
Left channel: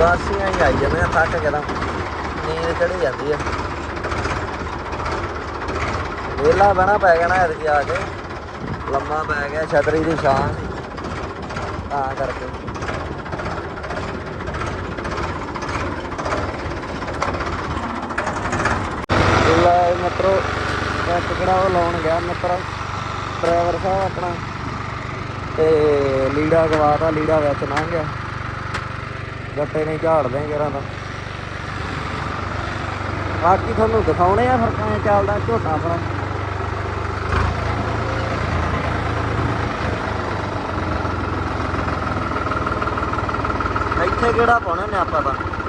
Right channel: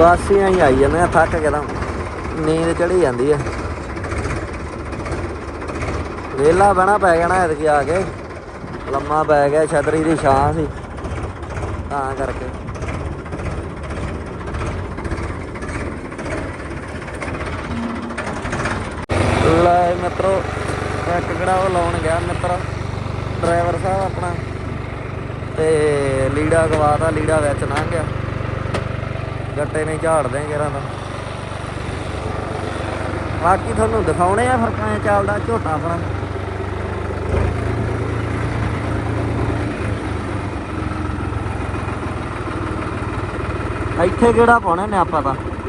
ਵਾਸੀ ਆਈ ਆਈ ਜਾਂਦੇ ਥੱਕ ਕੇ ਨਾ। ਨੀਂਦ ਚੜੀ ਜਾਂਦੀ ਹੈ ਵੇਲਾ ਬਣਾ ਪੈ ਜਾਣਾ, ਐਤਕੀ ਆ ਕੇ। ਲੰਮਾ ਪੈ ਗਿਆ ਛਤਰੀ ਦੀ ਛਾਂ ਸੀ ਤਾਂ ਕਰਕੇ। ਤੇ ਲੀੜਾ ਪਵਾਦਾ ਲੀੜਾ ਵਿੱਚ ਨਾ ਗਿਆ। ਗੱਡੇ ਨੇ ਝਾੜ ਦੇ ਕਿਹੜਾ ਬਾਕੀ ਤੁਹਾਨੂੰ ਦਿਖਾਉਣੇ ਆ ਫਿਰ ਕਿਵੇਂ ਚੱਲਦਾ ਝੋਟਾ ਆਪਣਾ ਇੱਥੇ ਜਿਹੜਾ ਪਾਉਣਾ ਮੈਂ ਆਪਾਂ ਦਾ?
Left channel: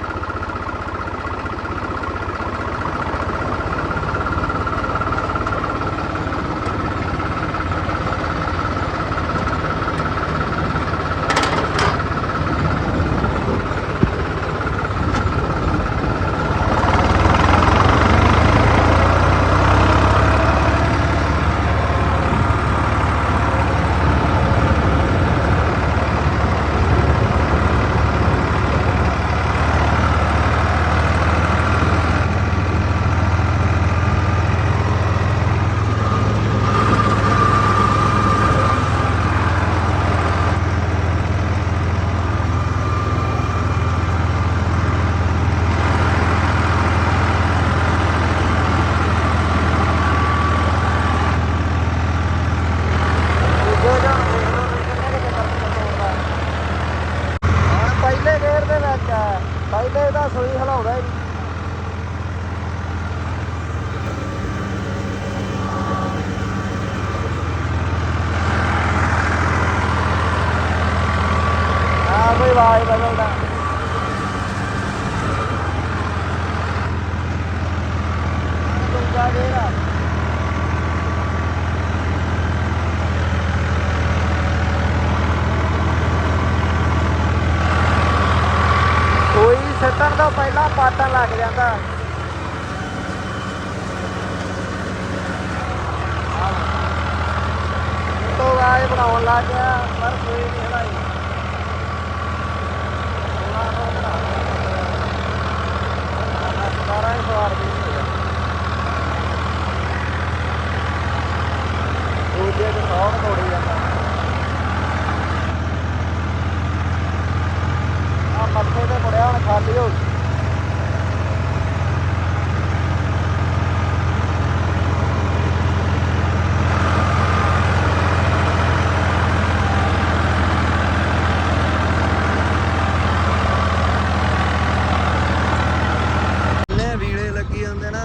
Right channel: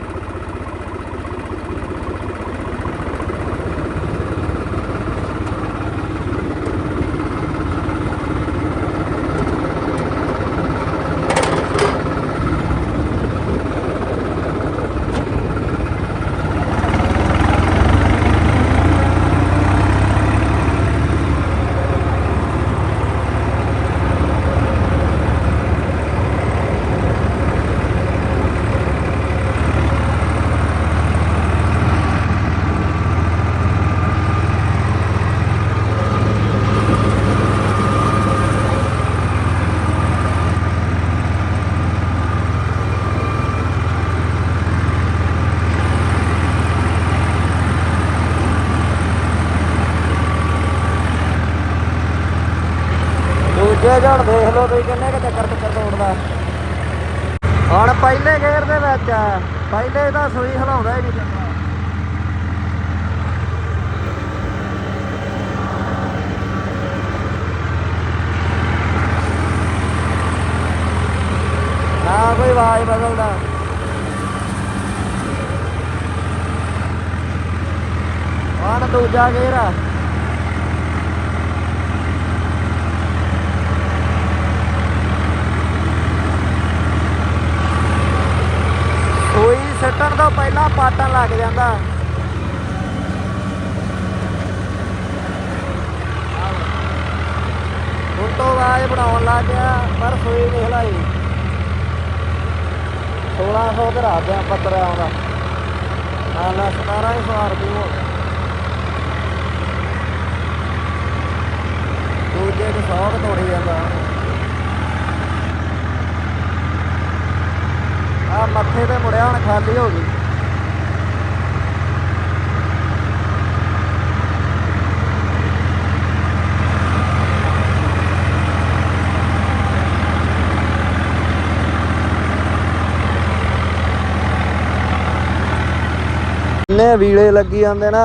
ਇੰਨੇ ਵੀਲੇ ਲੱਗੀ ਜਾਂਦੇ ਨਾ,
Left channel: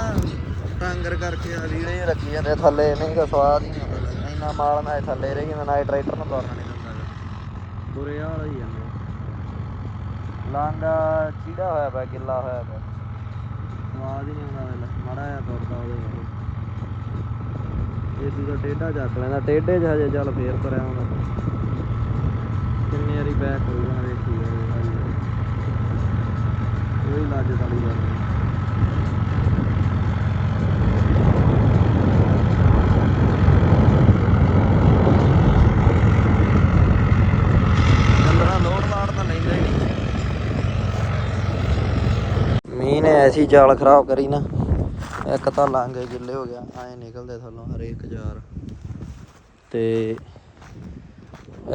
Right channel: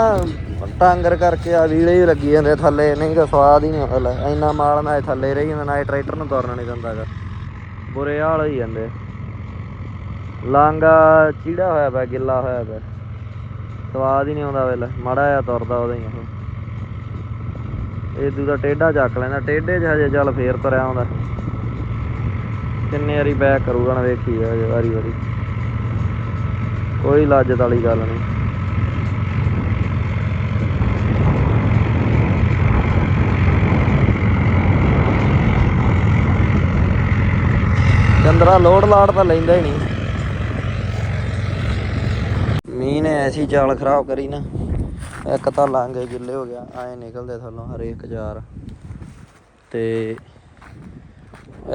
ਟਾਂਗਰ ਕਰਕੇ ਆ ਵੀਲੇ ਹੀ ਲੱਗੀ ਜਾਂਦੇ ਥੱਲੇ। ਨਹੀਂ ਤਾਂ ਸਵਾਦ ਹੀ ਨਹੀਂ ਆਉਂਦਾ ਇੰਨਾ ਮਾਲ ਨਾ ਥੱਲੇ ਰਹੀ ਜਾਂਦਾ, ਨਾ ਟਰੈਕਟਰ ਨੂੰ ਤੁਰਨਾ ਨਹੀਂ ਦਿੰਦਾਗਾ ਬੁਰੇ ਹਾਲ ਹੀ ਜਾਂਦੇ। ਲਾਂਗਾ ਚੀੜਾ ਹੋਇਆ ਪਿਆ, ਗਿੱਲਾ ਹੋਇਆ ਪਿਆ। ਸਵਾਦ ਹੀ ਨਹੀਂ ਆਉਂਦਾ ਵੇਲੇ ਮਾੜਾ ਜਿਹਾ ਤੁਰਦਾ ਉਹਦਾ ਹੀ ਉਹ। ਇਹ ਦੂਜਾ ਟੇਢਾ ਚੱਕ ਲੈਂਦਾ, ਟੇਢੇ 'ਚ ਹਜੇ ਚੱਲ ਫੇਰ ਤੁਰਿਆ ਆਉਂਦਾ। ਕਿੰਨੇ ਵਾਰੀ ਬੈਕ ਕਰੂਗਾ ਨਾ ਵੇਖੀ ਜਾਏ ਵਾਰੀ ਵਾਰੀ। ਕੋਈ ਲਾਜਤ ਵਾਲੀ ਗੱਲ ਨਹੀਂ 15 ਲੋਡ ਲਾੜ ਤਾਂ ਲੈਂਦਾ ਹੀ ਨਹੀਂ। ਮੀਂਹ ਨੇ ਐਸੀ ਜਾਲ ਖਰਾਬ ਕਰੀ ਨਾ, ਇੱਕ ਤਾਂ ਲਾਂਗੇ ਗਿੱਲੇ ਹੋ ਗਿਆ, ਐ ਨਿਕਲਦੇ ਥੱਲੋਂ ਹਰੇਕ ਜਾਰ। ਤੇ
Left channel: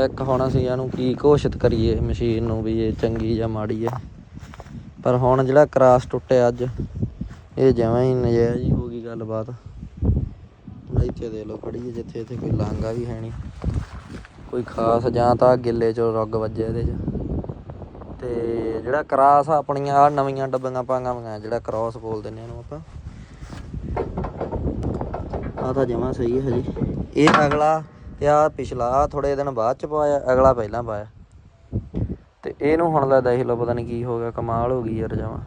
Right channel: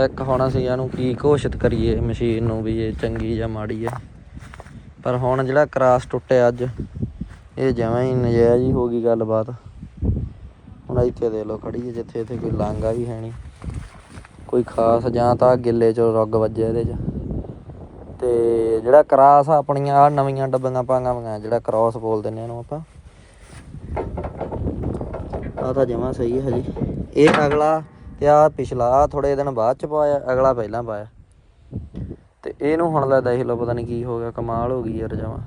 ਇੱਕ ਹੁਣ ਅਸੀਂ ਇਹਨੂੰ ਕੀ ਘੋਸ਼ਿਤ ਕਰੀਏ, ਮਸ਼ੀਨ ਨੂੰ ਵੀ ਇਹ ਚੰਗੀ ਜਾਂ ਮਾੜੀ ਹੈ। ਪਰ ਹੁਣ ਜਿਹੜਾ ਕਰਾਸ ਟੁੱਟਿਆ ਅੱਜ, ਇਹ ਜਮਾਂ ਹੀ ਨਜਾਇਜ਼ ਹੀ ਹੋ ਗਈ ਗੱਲਬਾਤ। ਹੁਣ ਇੱਥੇ ਦੇ ਲੋ ਖੜੀ ਹੈ ਜਿੱਥੇ ਇੱਥੇ ਕੋਈ ਲਾਂਗਾ ਵੀ ਹੈ ਨਹੀਂ। ਕੋਈ ਖਾਸ ਜਾਂ ਤਾਂ ਗਿੱਲੇ ਚੋਂ ਰੁੱਗ ਵੱਜਿਆ ਇਹਦੇ 'ਚ। ਤੇ ਜਿਹੜਾ ਕਰਾਸ ਆ ਆਪਣੀਆਂ ਆ ਨਵੀਆਂ ਡੱਬੀਆਂ ਪਾਂਗਾ ਵਗਾ ਜਿਹੜਾ ਕ੍ਰਾਸ ਬੋਲ ਦਿੰਦੇ ਇਹਨੂੰ ਆਪਾਂ। ਆ ਤਾਂ ਜਮਾ ਸਹੀ ਹੈ ਹਜੇ। ਇਹ ਅਗਲਾ ਤੇ ਆ ਪਿਛਲਾ ਥੋੜੇ ਦਿਨ ਬਾਅਦ ਚ ਪਾਇਆ, ਅਗਲਾ ਪਹਿਲਾਂ ਪਾਇਆ। ਤੇ ਇਹਨੂੰ ਹੁਣ ਲੈ ਦੇਖ ਲਓ, ਪਤਾ ਨਹੀਂ ਕੀ ਹੋ ਗਿਆ, ਕਮਾਲ ਹੋ ਗਈ ਯਾਰ ਜਮਾ।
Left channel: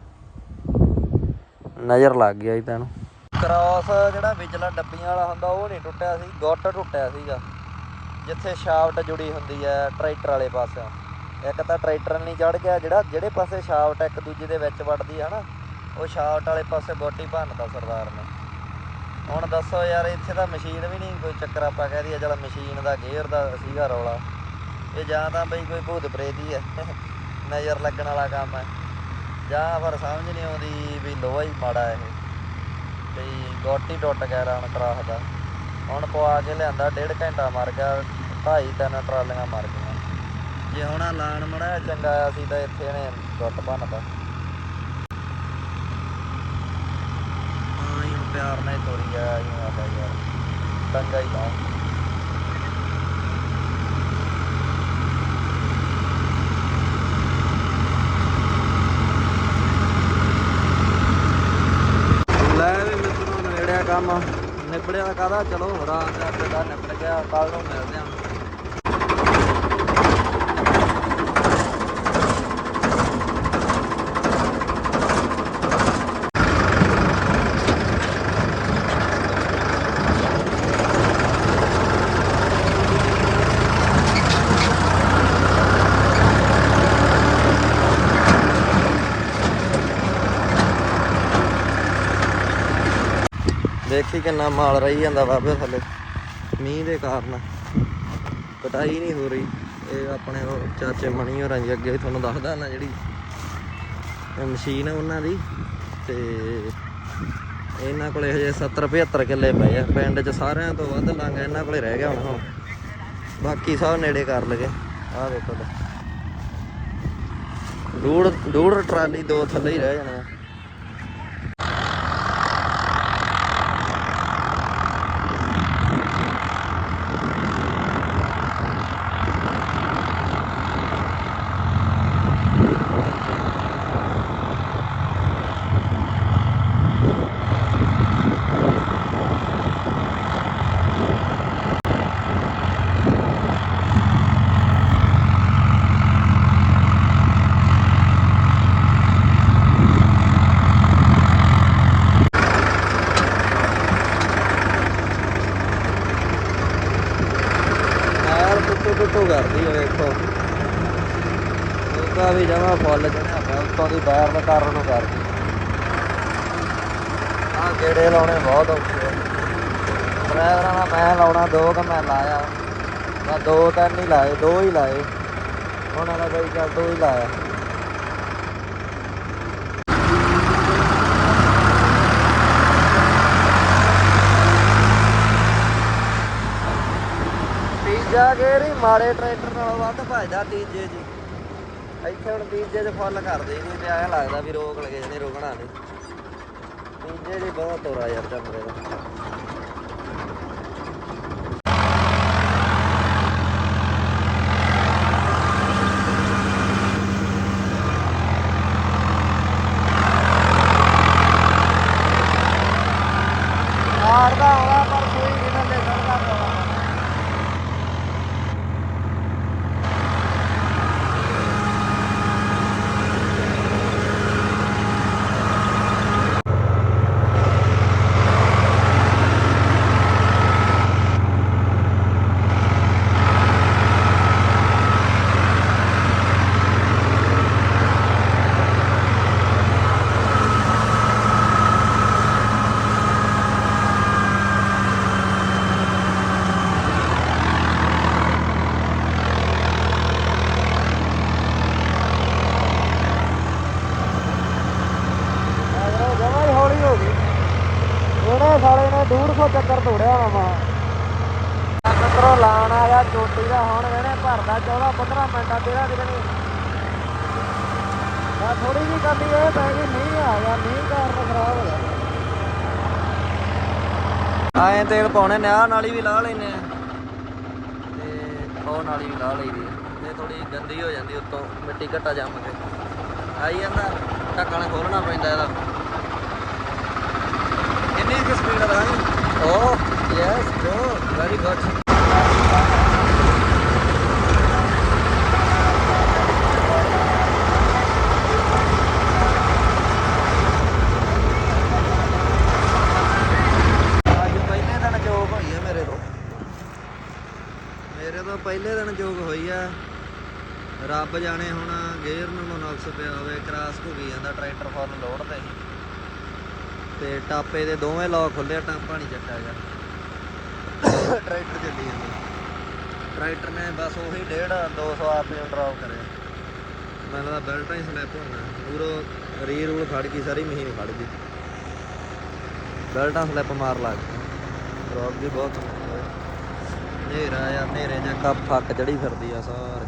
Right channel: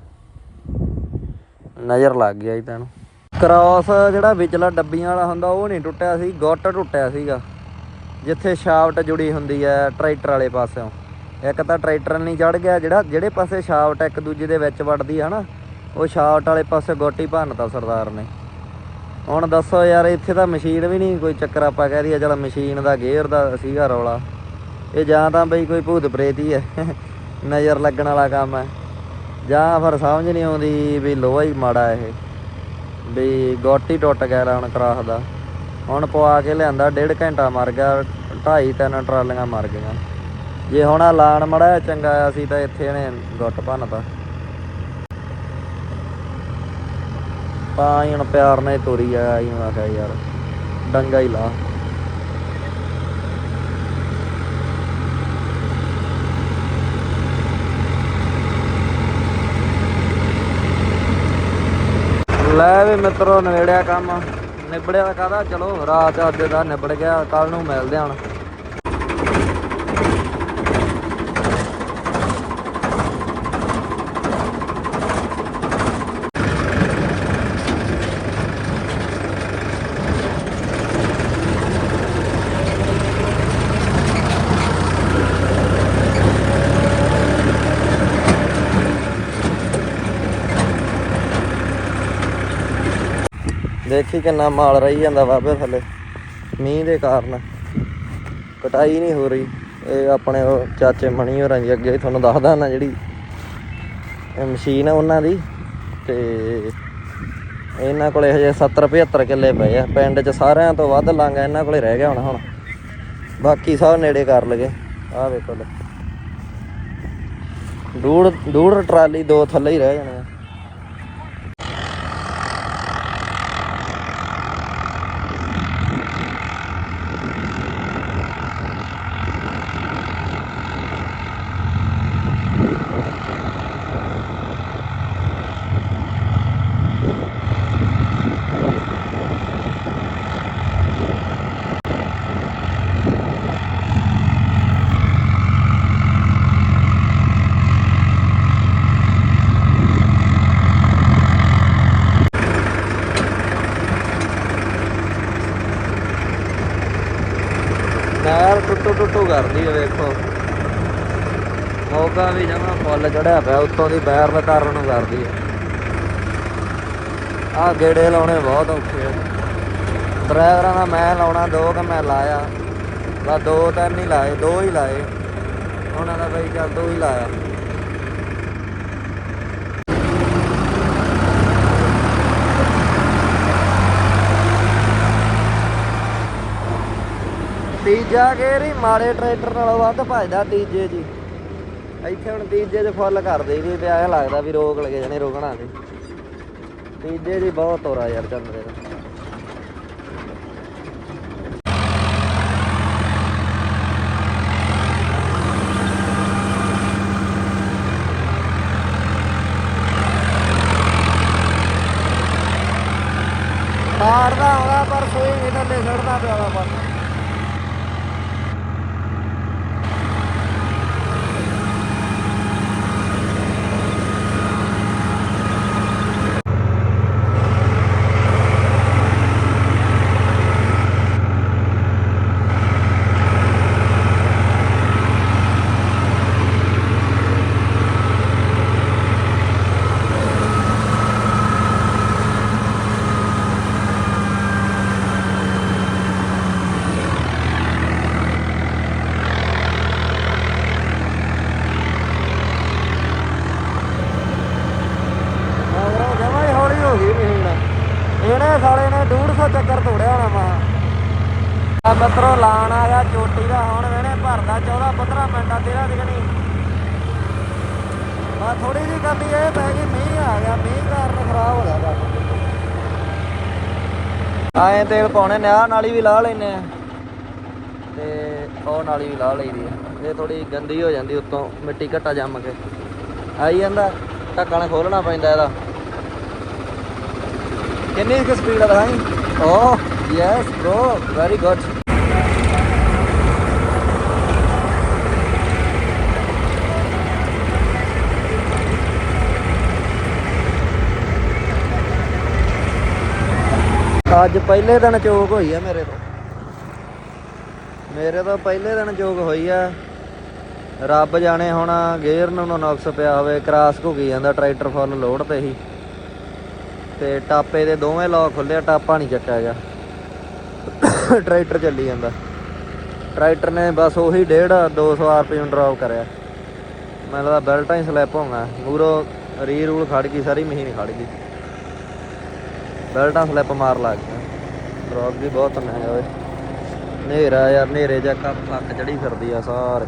ਨਜ਼ਰ ਲੱਗ ਗਿਆ ਜੀ ਤੈਨੂੰ ਕ੍ਰਾਸ ਜਿਹੜਾ ਵਿਚਲਾ ਡੱਬੀਆਂ ਵਾਲਾ ਹੁੰਦਾ, ਉਹ ਨਹੀਂ ਟੁੱਟਿਆ ਸੀ, ਗੁੱਟ ਟੁੱਟਿਆ ਸੀਗਾ। ਜਿੱਥੇ ਸ਼ਾਫਟ ਜੁੜੀ ਹੁੰਦੀ ਹੈ ਟਰੈਕਟਰ ਵਾਲੇ ਪਾਸਿਓਂ। ਇੱਕ ਤਾਂ ਟਰੈਕਟਰ ਨਹੀਂ ਚੜ ਗਿਆ, ਜਿਹੜਾ ਜਿਹੜੇ ਪਾਸੇ ਸ਼ਾਫਟ ਇੱਕ ਦੂਜੇ ਦੇ ਵਿੱਚ ਵੜਦੀ ਆ ਨਾ, ਉਹ ਸ਼ਾਫਟ ਵਾਲੇ ਪਾਸੇ ਗੋਟੀ ਭੰਨਤਾ ਸਰਦਾਰ ਨੇ। ਹੁਣ ਦੱਸੋ ਯਾਰ, ਇੱਥੇ ਤਾਂ ਮਸ਼ੀਨ ਵੀ ਨਹੀਂ ਕੋਈ ਚੱਕਰ ਆਪਾਂ ਕਹਿ ਦਈਏ ਚਲ ਮਸ਼ੀਨ ਦਾ ਗੇਅਰ ਦਾ ਸੀਗਾ ਰੌਲਾ। ਇਹ ਜਾਂ ਤਾਂ ਬਈ ਕੋਈ ਭੂਤ ਪ੍ਰੇਤ ਹੀ ਹੈ, <laughs> ਨਜ਼ਰ ਲੱਗਣ ਵਾਲਾ ਕੰਮ ਹੈ। ਜਾਂ ਫਿਰ ਸਮਝ ਨਹੀਂ ਆਉਂਦੀ ਵੀ ਲੋਹਾ ਹੀ ਮਾੜਾ ਇਹ, ਵੀ ਗੋਟੀ ਟੁੱਟ ਗਿਆ ਹੁਣ ਕਰਾਸ ਦਾ। ਹੁਣ ਪਵਾ ਕੇ ਲਿਆਂਦਾ, ਡੇਢ ਘੰਟਾ ਮਰ ਗਿਆ, ਢਾਈ ਤਿੰਨ ਟਰਾਲੀਆਂ ਮਰ ਗਈਆਂ। ਜੇ ਹੁਣ ਆਹ ਲਾਣ ਮੜਾ ਚੰਗਾ ਆ ਸੀ ਤਾਂ ਇੱਥੇ ਇਹਨੇ ਗੁੱਟ ਭੰਨਤਾ। ਤਾਂ ਹੀ ਹੁਣ ਪਿਆਰ ਨਾਲ ਤੋਰੀ ਆ, ਆਈ ਮੈਂ ਯਾਰ। ਡੰਗਾ ਹੀ ਲਾ। ਲੈ ਵੀ ਮਿੱਤਰੋ, ਨੇੜਿਆ ਕੰਮ। ਨਿਬੜਿਆ ਕਾਦਾ ਚਲੋ ਰਾਤ ਅੱਜ ਦਾ ਨਿਬੜ ਗਿਆ ਕੱਲ ਨੂੰ ਮਿਲਦੇ ਹਾਂ ਦੇਖੀ ਕਿੰਨਾ ਮਾਲ ਰਹੀ ਜਾਂਦਾ ਬਾਬੇ ਥੱਲੇ। ਮੀਂਹ ਦੇ ਕਾਰਨ ਕਟਾਈ ਨਹੀਂ ਹੋ ਰਹੀ। ਇਹ ਆਪਣੇ ਉਹ ਚਾਚੇ ਮਣੀ ਹੋਰਾਂ ਜੀ ਅੱਗੇ ਤੁਹਾਨੂੰ ਦੱਸਦਾ ਨਾ ਜਿਹੜੀ ਮਸ਼ੀਨ ਆ ਉਹਨਾਂ ਦੀ। ਤੇ ਇਹਨਾਂ ਕੋਲੇ ਹਜੇ 70 75 ਕਿੱਲੇ ਪਏ ਆ। ਪਿੰਡ 'ਚ ਸਾਰਿਆਂ ਤੋਂ ਵੱਧ ਲਾਂਗਾ ਇਹਨਾਂ ਕੋਲੇ ਰਹਿ ਗਿਆ ਹੁਣ ਹੁਣ। ਬਾਕੀ ਸਭ ਨੇੜੇ ਕਰ ਲਗੇ। ਆਹ ਵੇਖੋ ਲੈ। ਡੂੜ ਡੂੜ ਟਰਾਲੀ ਦੋ ਥੱਲੇ ਹੀ ਰਹਿ ਜਾਣੇ ਆ ਟਾਇਰ ਟੁੱਟੂ ਟੁੱਟੂ ਕਰਦੀ ਆ ਵੇਖੋ ਮੌਕਾ ਵੀ ਜਮਾ ਫੁੱਲ ਚੜਿਆ ਪਿਆ ਉੱਤੋਂ ਦੀ ਪੈਰ ਦਾ ਕਾਰਨ ਕਰਦੀ ਆ ਗੇੜੇ ਨੂੰ ਬਹੁਤ ਡਰਾਈਵਰਾਂ ਨਾਲ ਮੈਂ ਲਾਉਣਾ, ਦੋ ਤਾਂ ਮੈਂ ਲਾਇਆ। ਮੈਂ ਦੋ ਤਿੰਨ ਨਹੀਂ ਲਾਏ, ਦੋ ਹੀ ਲਾਏ। ਉਹਨਾਂ ਦਾ ਬਈ ਕਾ ਦੋ ਹੀ ਲਾਇਆ। ਤੀਜਾ ਕੇ ਜੀ, ਮਾੜੇ ਟਰੈਕਟਰ ਨਾਲੋਂ ਵੱਧ ਭਜਦਾ ਤੀਜੇ ਜੀ। ਇੱਥੇ ਹੁਣ ਤੀਜੇ ਚ ਫੁੱਲ ਕਰਦੇ ਜੀ ਤੇ ਐਂ ਲੱਗਦਾ ਵੀ ਰੋਕ ਲਗੇ ਜਣੇ ਰੋਕਣਾ ਨਹੀਂ। ਤੀਜੇ ਦੀ ਬਹੁਤ ਤੋਰਾ ਯਾਰ ਚੰਦਰੇ ਦਾ ਆਏ ਤੇਲ ਪਾਉਣੇ ਨੇ ਆਹ ਨਾਲੀ ਵੀ ਲਾ ਲੈਨੇ ਆ। ਤੇ ਉਹ ਨਾਲੀ ਵੀ ਲਾ ਲਈਦੀ ਆ। ਜੇ ਥੋੜੀ ਗੰਦੀ ਹੋ ਜਾਂਦੀ ਉੱਤੋਂ ਮਿੱਟੀ ਘਟਾ ਜੰਮ ਕੇ। ਆਈ ਜਾਂਦਾ ਢੱਕਣ ਖੋਲਣਾ ਪੈਂਦਾ ਇਹਦਾ। ਕਿੰਨੀ ਕੁ ਸਪੀਡ ਆ ਦਿਖਾਈ? ਓਹ ਯੈਸ ਬ੍ਰੋ ਵੈਰੀ ਗੁੱਡ ਅੱਜ ਪਹਿਲੇ ਦਿਨ ਚੋਕ ਹੋਈ ਆ ਮੇਰੇ ਤੋਂ। ਮੇਰੇ ਤੋਂ ਪਹਿਲੇ ਦਿਨ ਚੋਕ ਹੋਈ ਆ। ਰੱਬ ਜਾਣੇ ਹੁਣ ਗੇਅਰ ਨੂੰ ਨੁਕਸ ਪਿਆ ਹੋਵੇ, ਕਰਾਸ ਘੁੱਗੀ ਜਾਂਦਾ, ਟਰੈਕਟਰ ਫੁੱਲ ਲੋਡ ਤੇ ਹੀ। ਤੇ ਟਾਪੇ ਦੇ ਦੋਵੇਂ ਲੋਕ ਖੁੱਲਿਆ ਟਾਪਾ ਨਹੀਂ ਚੱਕਿਆ ਹੈਗਾ ਟਰੈਕਟਰ ਚੱਲੀ ਜਾਂਦਾ। ਟਰੈਕਟਰ ਨੇ ਬਸ ਉਹੀ 1.5 200 ਆਰਪੀਐਮ ਡ੍ਰੌਪ ਕਰਿਆ। ਮੈਨੂੰ ਲੱਗਦਾ ਬੈਲਟਾਂ ਹੀ ਸਲਿੱਪ ਹੋਣਾ। ਮੂਰੋ ਰੀ ਰੂਲ ਖੜ ਗਈ, ਸਾਰੀ ਮਸ਼ੀਨ ਖੜ ਗਈ। ਬੈਲਟਾਂ ਸਲਿੱਪ ਮਾਰ ਲੱਗ ਗਿਆ ਡ੍ਰੌਪ ਵੀ ਬਹੁਤ ਨੇ ਓਏ। ਨੇਰਾ ਯਾਰ, ਹਨੇਰੇ ਜਿਹਾ ਕੱਪ ਫੱਕ ਚੜੀ ਫਿਰਦੀ ਆ ਸਾਰੇ।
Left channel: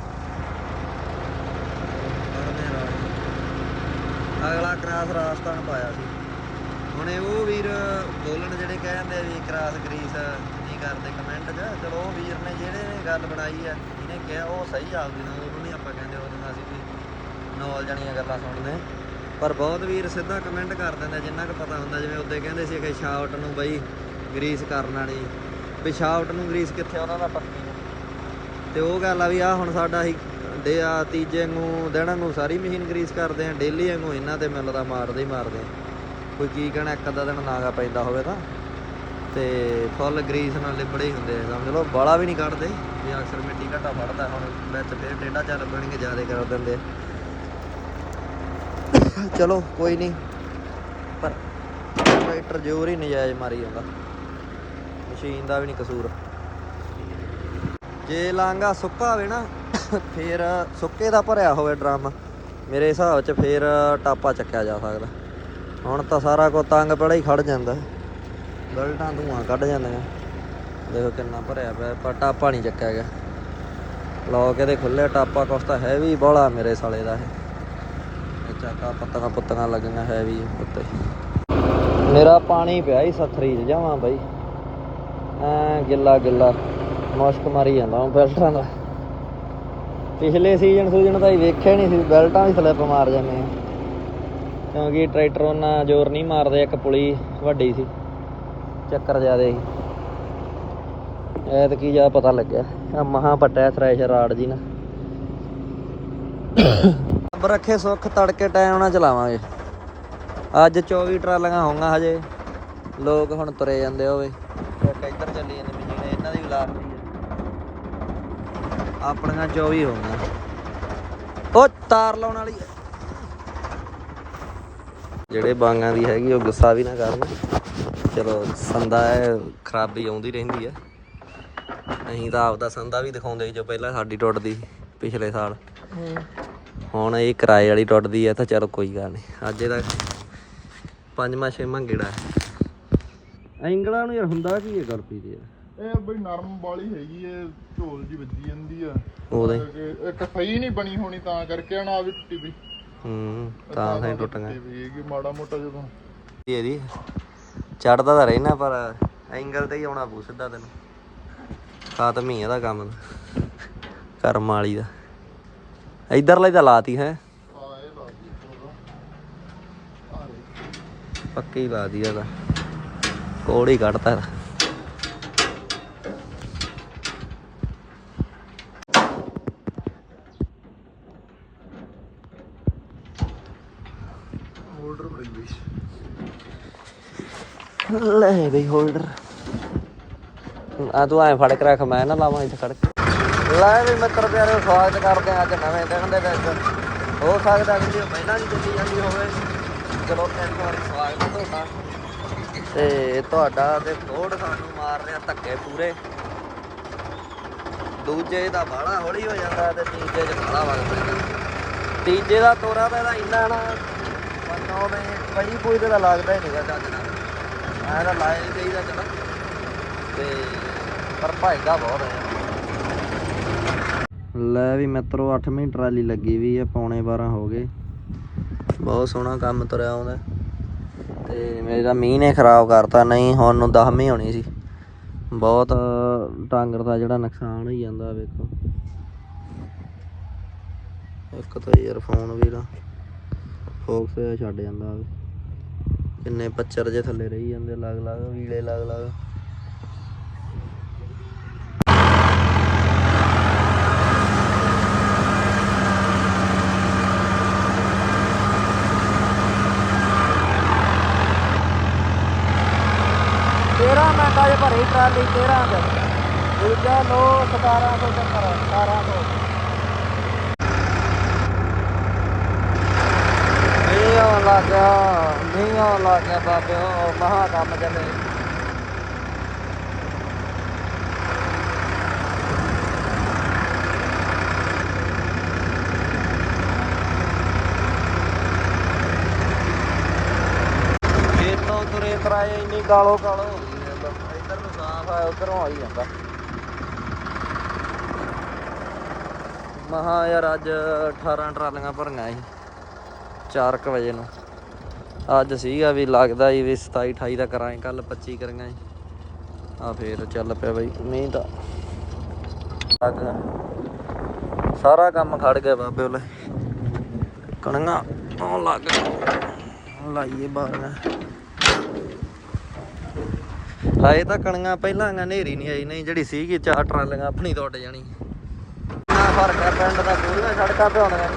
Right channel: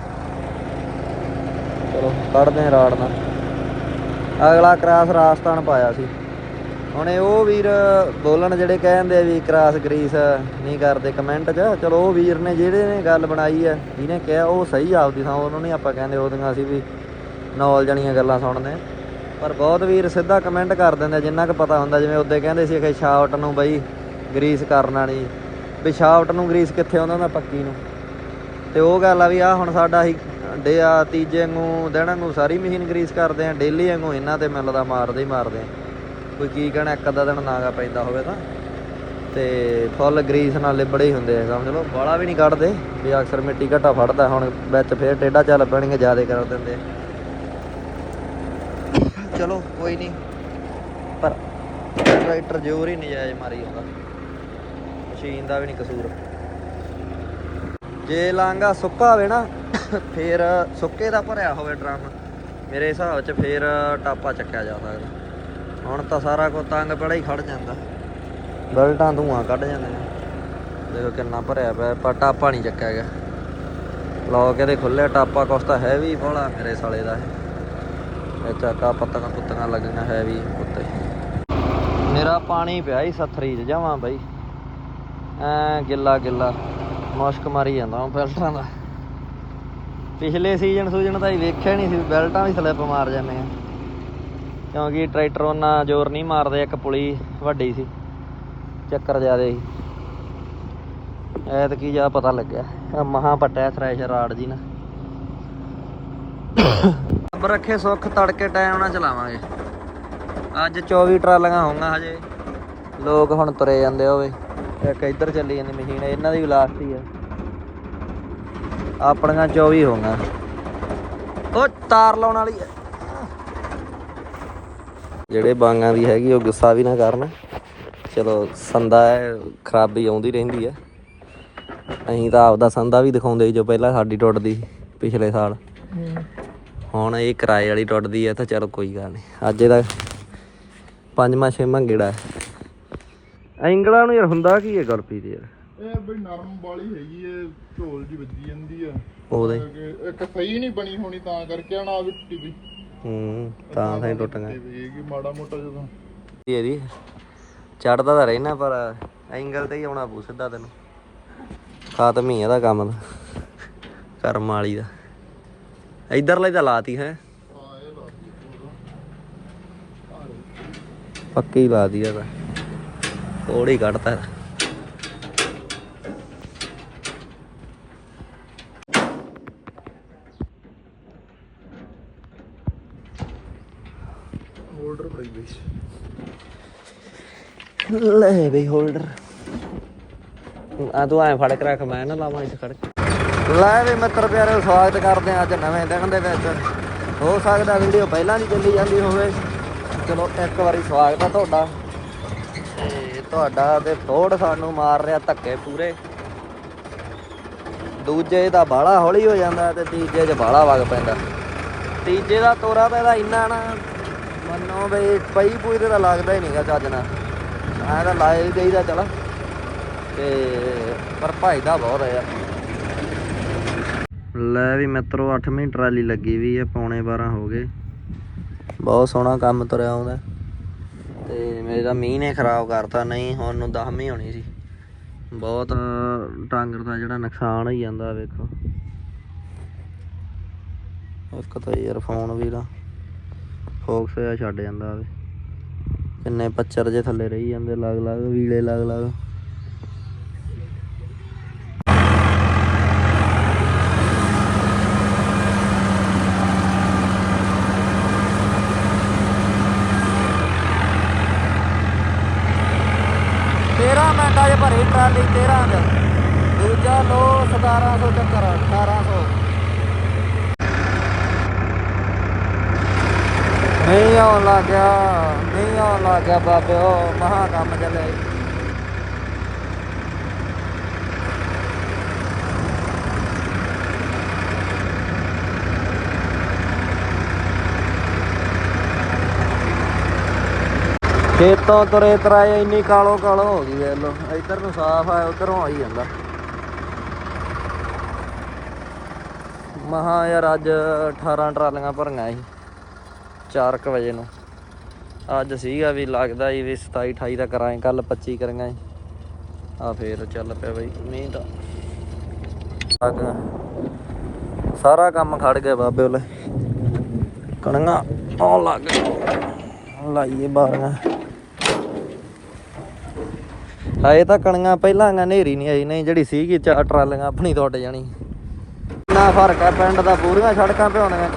ਚਲੋ, ਕੱਢਦੇ ਹਾਂ ਰਾੜ ਨਾਲ। ਅਗਲਾ ਕ੍ਰਾਸ ਰਾਜਸਥਾਨ ਪਾਇਆ ਸੀ। ਹੁਣ ਉਹ ਵੀਰ ਬੋਲਣ ਜਿਹੜੇ ਕਹਿੰਦੇ ਆ ਵੀ ਕ੍ਰਾਸ ਗਰੀਸ ਨਹੀਂ ਕਰਦੇ, ਕਮੈਂਟ 'ਚ। ਚਲੋ, ਉਹ ਵੀਰ ਨੇ ਜਿਹੜੇ ਨੇ ਗੱਲ ਬਣਾਈ ਹੈ ਜਿਹਨੇ ਕਿਹਾ ਉਹ ਸਹੀ ਆਪਦੀ ਥਾਂ, ਉਹਨੂੰ ਨਹੀਂ ਆਪਾਂ ਕਹਿੰਦੇ, ਉਹਦੀਆਂ ਅਸੀਂ ਵੀ ਨੌਲ ਜਣੀਆਂ ਗੱਲਾਂ ਸੁਣਦੇ। ਪਰ ਬਹੁਤ ਵੀਰ ਸਿੱਧਾ ਕਮੈਂਟ ਕਰ ਦਿੰਦੇ ਜਿੰਨਾ ਕੁ ਪਤਾ ਹੁੰਦਾ, ਜਿਵੇਂ ਉੱਤੇ ਕਹਿੰਦੇ ਸੀ ਕਿ ਸ਼ਾਫਟ ਨੂੰ ਬਈ ਗਰੀਸ ਕਰਨਾ ਨਹੀਂ ਵੀ ਸ਼ਾਫਟ ਨੂੰ ਗਰੀਸ ਕਿੱਥੇ ਉਹਨਾਂ ਦਾ ਪੱਕੀ ਨੂੰ। ਤੇ ਉਹ ਗੱਲ ਆ ਵੀ ਆ ਹੁਣ ਸਾਡਾ ਹੀ ਡੇ ਆ, ਤੀਜੇ ਨੂੰ ਦਿਨ ਨੂੰ ਸਾਰੀ ਮਸ਼ੀਨ ਗਰੀਸ ਕਰਦੇ ਆ ਡੇਲੀ ਵਾਂਗੂ ਇਹਨਾਂ ਤੇ ਮਿਲਦਾ ਮਾਰਦੇ ਹੀ ਮਾਰਦੇ ਆ। ਕੋਈ ਕੀ ਕਹਿਣਾ, ਇੱਕ ਅੱਧਾ ਦਿਨ ਨਾਗਾ ਪੈਂਦਾ ਹੋਵੇ ਤਾਂ। ਤੇ ਫੁੱਲ ਗਰੀਸ ਨਾਲ ਲਿਬੜੇ ਹੀ ਹੁੰਦੇ ਆ, ਸਮਝ ਲਓ ਬਾਲਾ ਵੀ ਨਹੀਂ ਕੱਢਦੇ, ਵੀ ਅਕਸਰ ਮਿੱਟੀ ਘਟਾ ਫੜਦਾ, ਹੁਣ ਵਿੱਚ ਫੇਰ ਟੇਢਾ ਚੱਲ ਪੈਣਗੇ, ਜ਼ਿਆਦਾ ਕਰ ਦਿੰਦੇ ਚਲੋ, ਕੋਈ ਨਹੀਂ ਪਰ ਟਰੈਕਟਰ ਜ਼ੋਰ ਹੀ ਨਜਾਇਜ਼ ਮਾਰੀ ਜਾਂਦਾ। ਮਸ਼ੀਨ ਦਾ ਵੀ ਨਹੀਂ ਕਸੂਰ। ਜੇ ਲਾਂਗਾ ਸੁੱਕਾ ਹੋਵੇ ਨਾ, ਫੇਰ ਸੁੱਕੇ ਦਾ ਭਰਿਆ ਹੋਵੇ ਡਰਮ, ਮੇਰੇ ਹਿਸਾਬ 'ਚ ਫੇਰ ਟਾਪਾ ਚੱਕਿਆ ਜਾ ਸਕਦਾ। ਹੁਣ ਤਾਂ ਸਾਰਾ ਕੋ ਤੰਗ ਪੜਾ ਹੀ ਖੜ ਜਾਂਦਾ। ਬਲਟਾਂ ਧੂਆਂ ਕੱਢ ਜਾਂਦੀਆਂ। ਦੇਖੋ ਕਿੰਨਾ ਭਰਿਆ ਪਿਆ, ਪਰ ਟਾਪਾ ਨਹੀਂ ਚੱਕਿਆ ਗਿਆ। ਲੋਕ ਇਹਦੇ ਖੁੱਲੇ ਟਾਪਾ ਕੁਛ ਤਾਂ ਹੈ ਵੀ ਬੋਲਾ ਮੇਰੇ ਸਾਲੇ ਦਾ ਇਹ। ਚਾਕਾ ਪੱਤੀਆਂ ਪੁੱਤੀਆਂ ਲੱਗੀਆਂ ਹੈਵੀ ਉੱਤੇ। ਮੇਰਾ ਪਾਣੀ ਪਿਆ ਹੀ ਸੱਥਰੀ 'ਚ, ਜਾਵਾਂ ਬਾਈ। ਐ ਗਿੱਲਾ ਗਿੱਲਾ, ਮੁਸ਼ਕ ਮਾਰੀ ਜਾਂਦਾ ਹੁਣ ਬੈਲਟਾਂ ਦਾ। ਪਿਛਲੇ ਸੀਜ਼ਨ ਸੂਜਨ ਤਾਂ ਹੀ ਵੇਖਿਆ ਨਹੀਂ ਸੀ, ਬੈਲਟਾਂ ਵੀ ਸਲਿੱਪ ਮਾਰ ਜਾਂਦੇ ਆ। ਕਿਉਂਕਿ ਟਰੈਕਟਰ ਉਹਨਾਂ ਜ਼ੋਰ ਨਹੀਂ ਮਾਰਦੇ, ਇੱਕ ਪੁਲੀ ਵੱਡੀ ਸੀ। ਚੱਕਰ ਜ਼ਿਆਦੇ ਸੀ। ਐਤ ਕੀ ਜਾ ਪਤਾ ਲੱਗਿਆ ਆਹ ਮਹਾਂ ਪਟਿਆ ਥ੍ਰੈਸ਼ਰ ਰਾੜ ਜੀ ਨਾ। ਰੱਬ ਰੱਖੇ ਸੁੱਖ, ਤੜਕੇ ਟਾਈਮ ਨਾਲ ਚਲਾਵਾਂਗੇ। ਅੱਜ 24 ਟਰਾਲੀਆਂ ਹੋਣਗੀਆਂ ਹਜੇ। ਲੋਕ ਹੁਣ ਤੁਰੇ ਜਾਂਦੇ ਹੋਵੇ ਇੱਕ ਇੱਧਰ ਚੱਲੀ ਜਾਂਦੀ ਮਸ਼ੀਨ ਇਹਨਾਂ ਦੀ ਲਾਸਟ ਹੀ ਹੈ ਆਪਣੀਆਂ 24 ਹੋਣਗੀਆਂ ਉਹ ਤਾਰ ਲਾਉਣ ਵਾਲੀ ਹੈ ਜਿਹੜੇ ਬਾਂਗਾਂ ਦੀ ਹੈਗੀ, ਉਹ ਗੁੱਸਾ ਵੀ ਨਾ ਕਰਨ। ਚਲੋ, ਸੰਦਾ ਹੈ ਖਰਾਬੀ ਆਉਂਦੀ ਰਹਿੰਦੀ ਹੈ ਅਸੀਂ ਤਾਂ ਆਪਦਾ ਸੰਦਾ ਵੀ ਦਿਖਾਉਂਦੇ ਜੋ ਪਹਿਲਾਂ ਸਾਡੀ ਟੁੱਟਦੀ ਸੀ, ਪਿਛਲੇ ਸਾਲ। ਹੁਣ ਇਹ ਕਿਰਾਏ ਵਾਲੀ ਟੁੱਟਦੀ ਹੈ ਤਾਂ ਚਲੋ ਕੋਈ ਗੱਲ ਨਹੀਂ। ਅੱਜ ਇਹਦਾ ਪੰਜਵਾਂ ਛੇਵਾਂ ਗੇੜਾ ਐਂਗਲਾਂ ਨੂੰ ਯਾਰ ਹੁੰਦਾ ਕੀ ਹੈ ਗੁਰਪ੍ਰੀਤ ਯਾਰ? ਇਹ ਬਈ ਨਰਮ ਵਾਲੀ ਹੈਗੀ ਏ ਢੋਲ ਦੀ ਵੱਜੀ ਜਾਂਦੀ ਆ। ਉਹਦੇ। ਇੱਕ ਸਹੀ ਨਹੀਂ ਬਣੀ ਹੋਣੀ ਤਾਂ ਕਰਕੇ ਨਾ ਵੀ ਟੁੱਟੀ ਵੀ ਹੂੰ ਤਾਂ ਸਹੀ ਟੁੱਟ ਗਿਆ। ਵੀ ਮਾੜਾ ਮੋਟਾ ਜਦੋਂ। ਇਹਦੀ ਚੜਦਾ ਤਾਂ ਰਹਿਣਾ ਪਰ ਐਂਗਲ ਤੇ ਹੀ ਆਉਣਾ ਪੂ ਸਿੱਧਾ ਤੈਨੂੰ। ਖਾਤਮ ਹੀ ਇਹਦਾ ਕੰਮ ਤਾਂ। ਕਰਮ ਵਾਲੀ ਦਾ। ਇਧਰਲੇ ਤਾਂ ਲਾਤੀ ਹੈ। ਪੱਕੀ ਲਾਤੀ ਆ ਤਾਂ। ਕੋੜ ਹੀ ਕੱਢਤਾ। ਹੋਲਡਰ ਬੜੀ ਬਈ ਲੈ ਬਈ ਹੋਲਡਰ ਆ ਤੂੰ ਐ ਫੜ ਕੇ ਰੱਖ ਮੈਂ ਨਾ ਲਾਵਾਂ ਇੱਥੇ ਖੜ ਕੇ ਪਹਿਲਾਂ ਨਹੀਂ ਚੱਲੀ ਜਾਂਦੀ ਹੋਵੇ ਇੱਕ ਵਾਰੀ ਸਵਾਗਤ ਆ ਤੁਹਾਡਾ, ਤੇ ਤੁਹਾਡਾ ਤੇ ਥੋੜ ਸਾਨੂੰ ਮਾਰ ਰਿਹਾ ਧੱਕੇ ਪੂਰੇ। ਦੂਜੇ ਦਾ ਬਾਲਾ ਹੌਲੀ ਹੋ ਜਾਂਦਾ ਤੇ ਤੀਜੇ ਦੇ ਬਾਲਾ ਵਗ ਪੈਂਦਾ। ਤੀਜੇ ਦਾ ਤੋਰਾ ਤਾਂ ਇਹਦਾ ਇੰਨਾ ਨਾ ਬਈ ਬਈ ਇਹਦਾ ਲੱਗਦਾ ਹੀ ਨਹੀਂ ਚੱਜ ਨਾਲ। ਮੈਂ ਤਾਂ ਲਾਏ ਦੇਈਦਾ, ਚਲਾ। ਤੇ ਭਾਈ ਦਾ ਲੈ ਵੀ ਮਿੱਤਰੋ 8ਵੀਂ ਟਰਾਲੀ ਲੱਗੀ ਵੀ ਹੈ ਪੌਣੇ 12 ਹੋ ਗਏ। ਬਹੁਤ ਸੋਹਣਾ ਕੰਮ ਤੁਰਿਆ ਉਹਦਾ ਤੇ ਮੇਰਾ ਮੀਂਹ ਨੇ ਖਰਾਬ ਕਰਤਾ, ਨਹੀਂ ਹੁਣ ਨੂੰ 10ਵੀਂ ਹੋਣੀ ਸੀ। ਬਹੁਤ ਟਾਂਗਰ ਦਾ ਜਿਹੜਾ ਨੁਕਸਾਨ ਹੋਈ ਜਾਂਦਾ, ਵੇਖੋ। ਇੱਕ ਤਾਂ ਈਅਰਫੋਨ ਵੀ ਨਾ, ਫੋਕਸ ਛੱਡ ਜਾਂਦਾ ਵੇ। ਕਿੰਨੇ ਪੱਚਰ ਜੇ ਥੱਲੇ ਰਹੀ ਜਾਂਦੇ ਲੱਗ ਲੱਗ ਵੀਲੇ ਲੱਗ ਲੱਗ ਤੇਰਾਂ ਮਿੰਟਾਂ 'ਚ ਭਰੀ ਟਰਾਲੀ ਤੇਰਾਂ ਦਾ ਦੂਜਾ ਲੋ ਸਦਾਰਾ ਨਹੀਂ ਆਉਣਾ ਗਿਆ ਨਹੀਂ ਆਉਣਾ ਗਿਆ ਬਾਬੇ ਉਹ ਮਹਾ ਕੰਮ ਜਮੇ ਖੇਤੋਂ ਤੁਰੇ ਤਰਾਏ, ਇੰਨੀ ਕਾਲੋ ਕਾਲੋ ਹੋ ਗਈ ਵੇਖ ਲੋ। ਇੱਧਰ ਨੂੰ ਸਾਫ਼ ਆ, ਉਧਰੋਂ ਆਈ ਜਾਂਦਾ ਮਹਾ ਯਾਰ ਅੱਜ 18 ਟਰਾਲੀਆਂ ਭਰੀਆਂ ਸੀ 4:00 ਵਜੇ ਨੂੰ। ਅੱਜ ਸੀਗਾ ਵੀ ਲੱਗਦਾ ਹੀ ਵੀ 27 28 ਦਾ ਕਰਾਂ ਕੱਲ 25 ਕਰਾਂਗੇ। ਆ ਫੇਰ ਚੱਲ ਪਿਆ ਬਈ, ਮੀਂਹ ਦਾ ਲੱਗ ਗਿਆ। ਸਾਰਾ ਕੰਮ ਖੜ ਗਿਆ ਬਾਬੇ ਉਹਲੇ ਕਣੀਆਂ ਆਉਣ ਲੱਗ ਗਈਆਂ। ਲਾਈਏ ਬਾਰੀਆਂ। ਹਾਏ ਤਾਂ ਕਣੀਆਂ ਪਹਿਲਾਂ ਗਾ ਨੇਰੀ ਨਹੀਂ ਆਈ, ਨਹੀਂ ਜਿਹੜੀ ਸੀਗੀ ਚਾਰ ਟਰਾਲੀਆਂ ਆਪਣੀ ਟੁੱਟ ਜਾਣੀ। ਨਾ ਫ਼ਰਕ ਆ ਪਿੰਡ ਦਾ ਪੂਰੀਆਂ ਸੜਕਾਂ ਤੇ।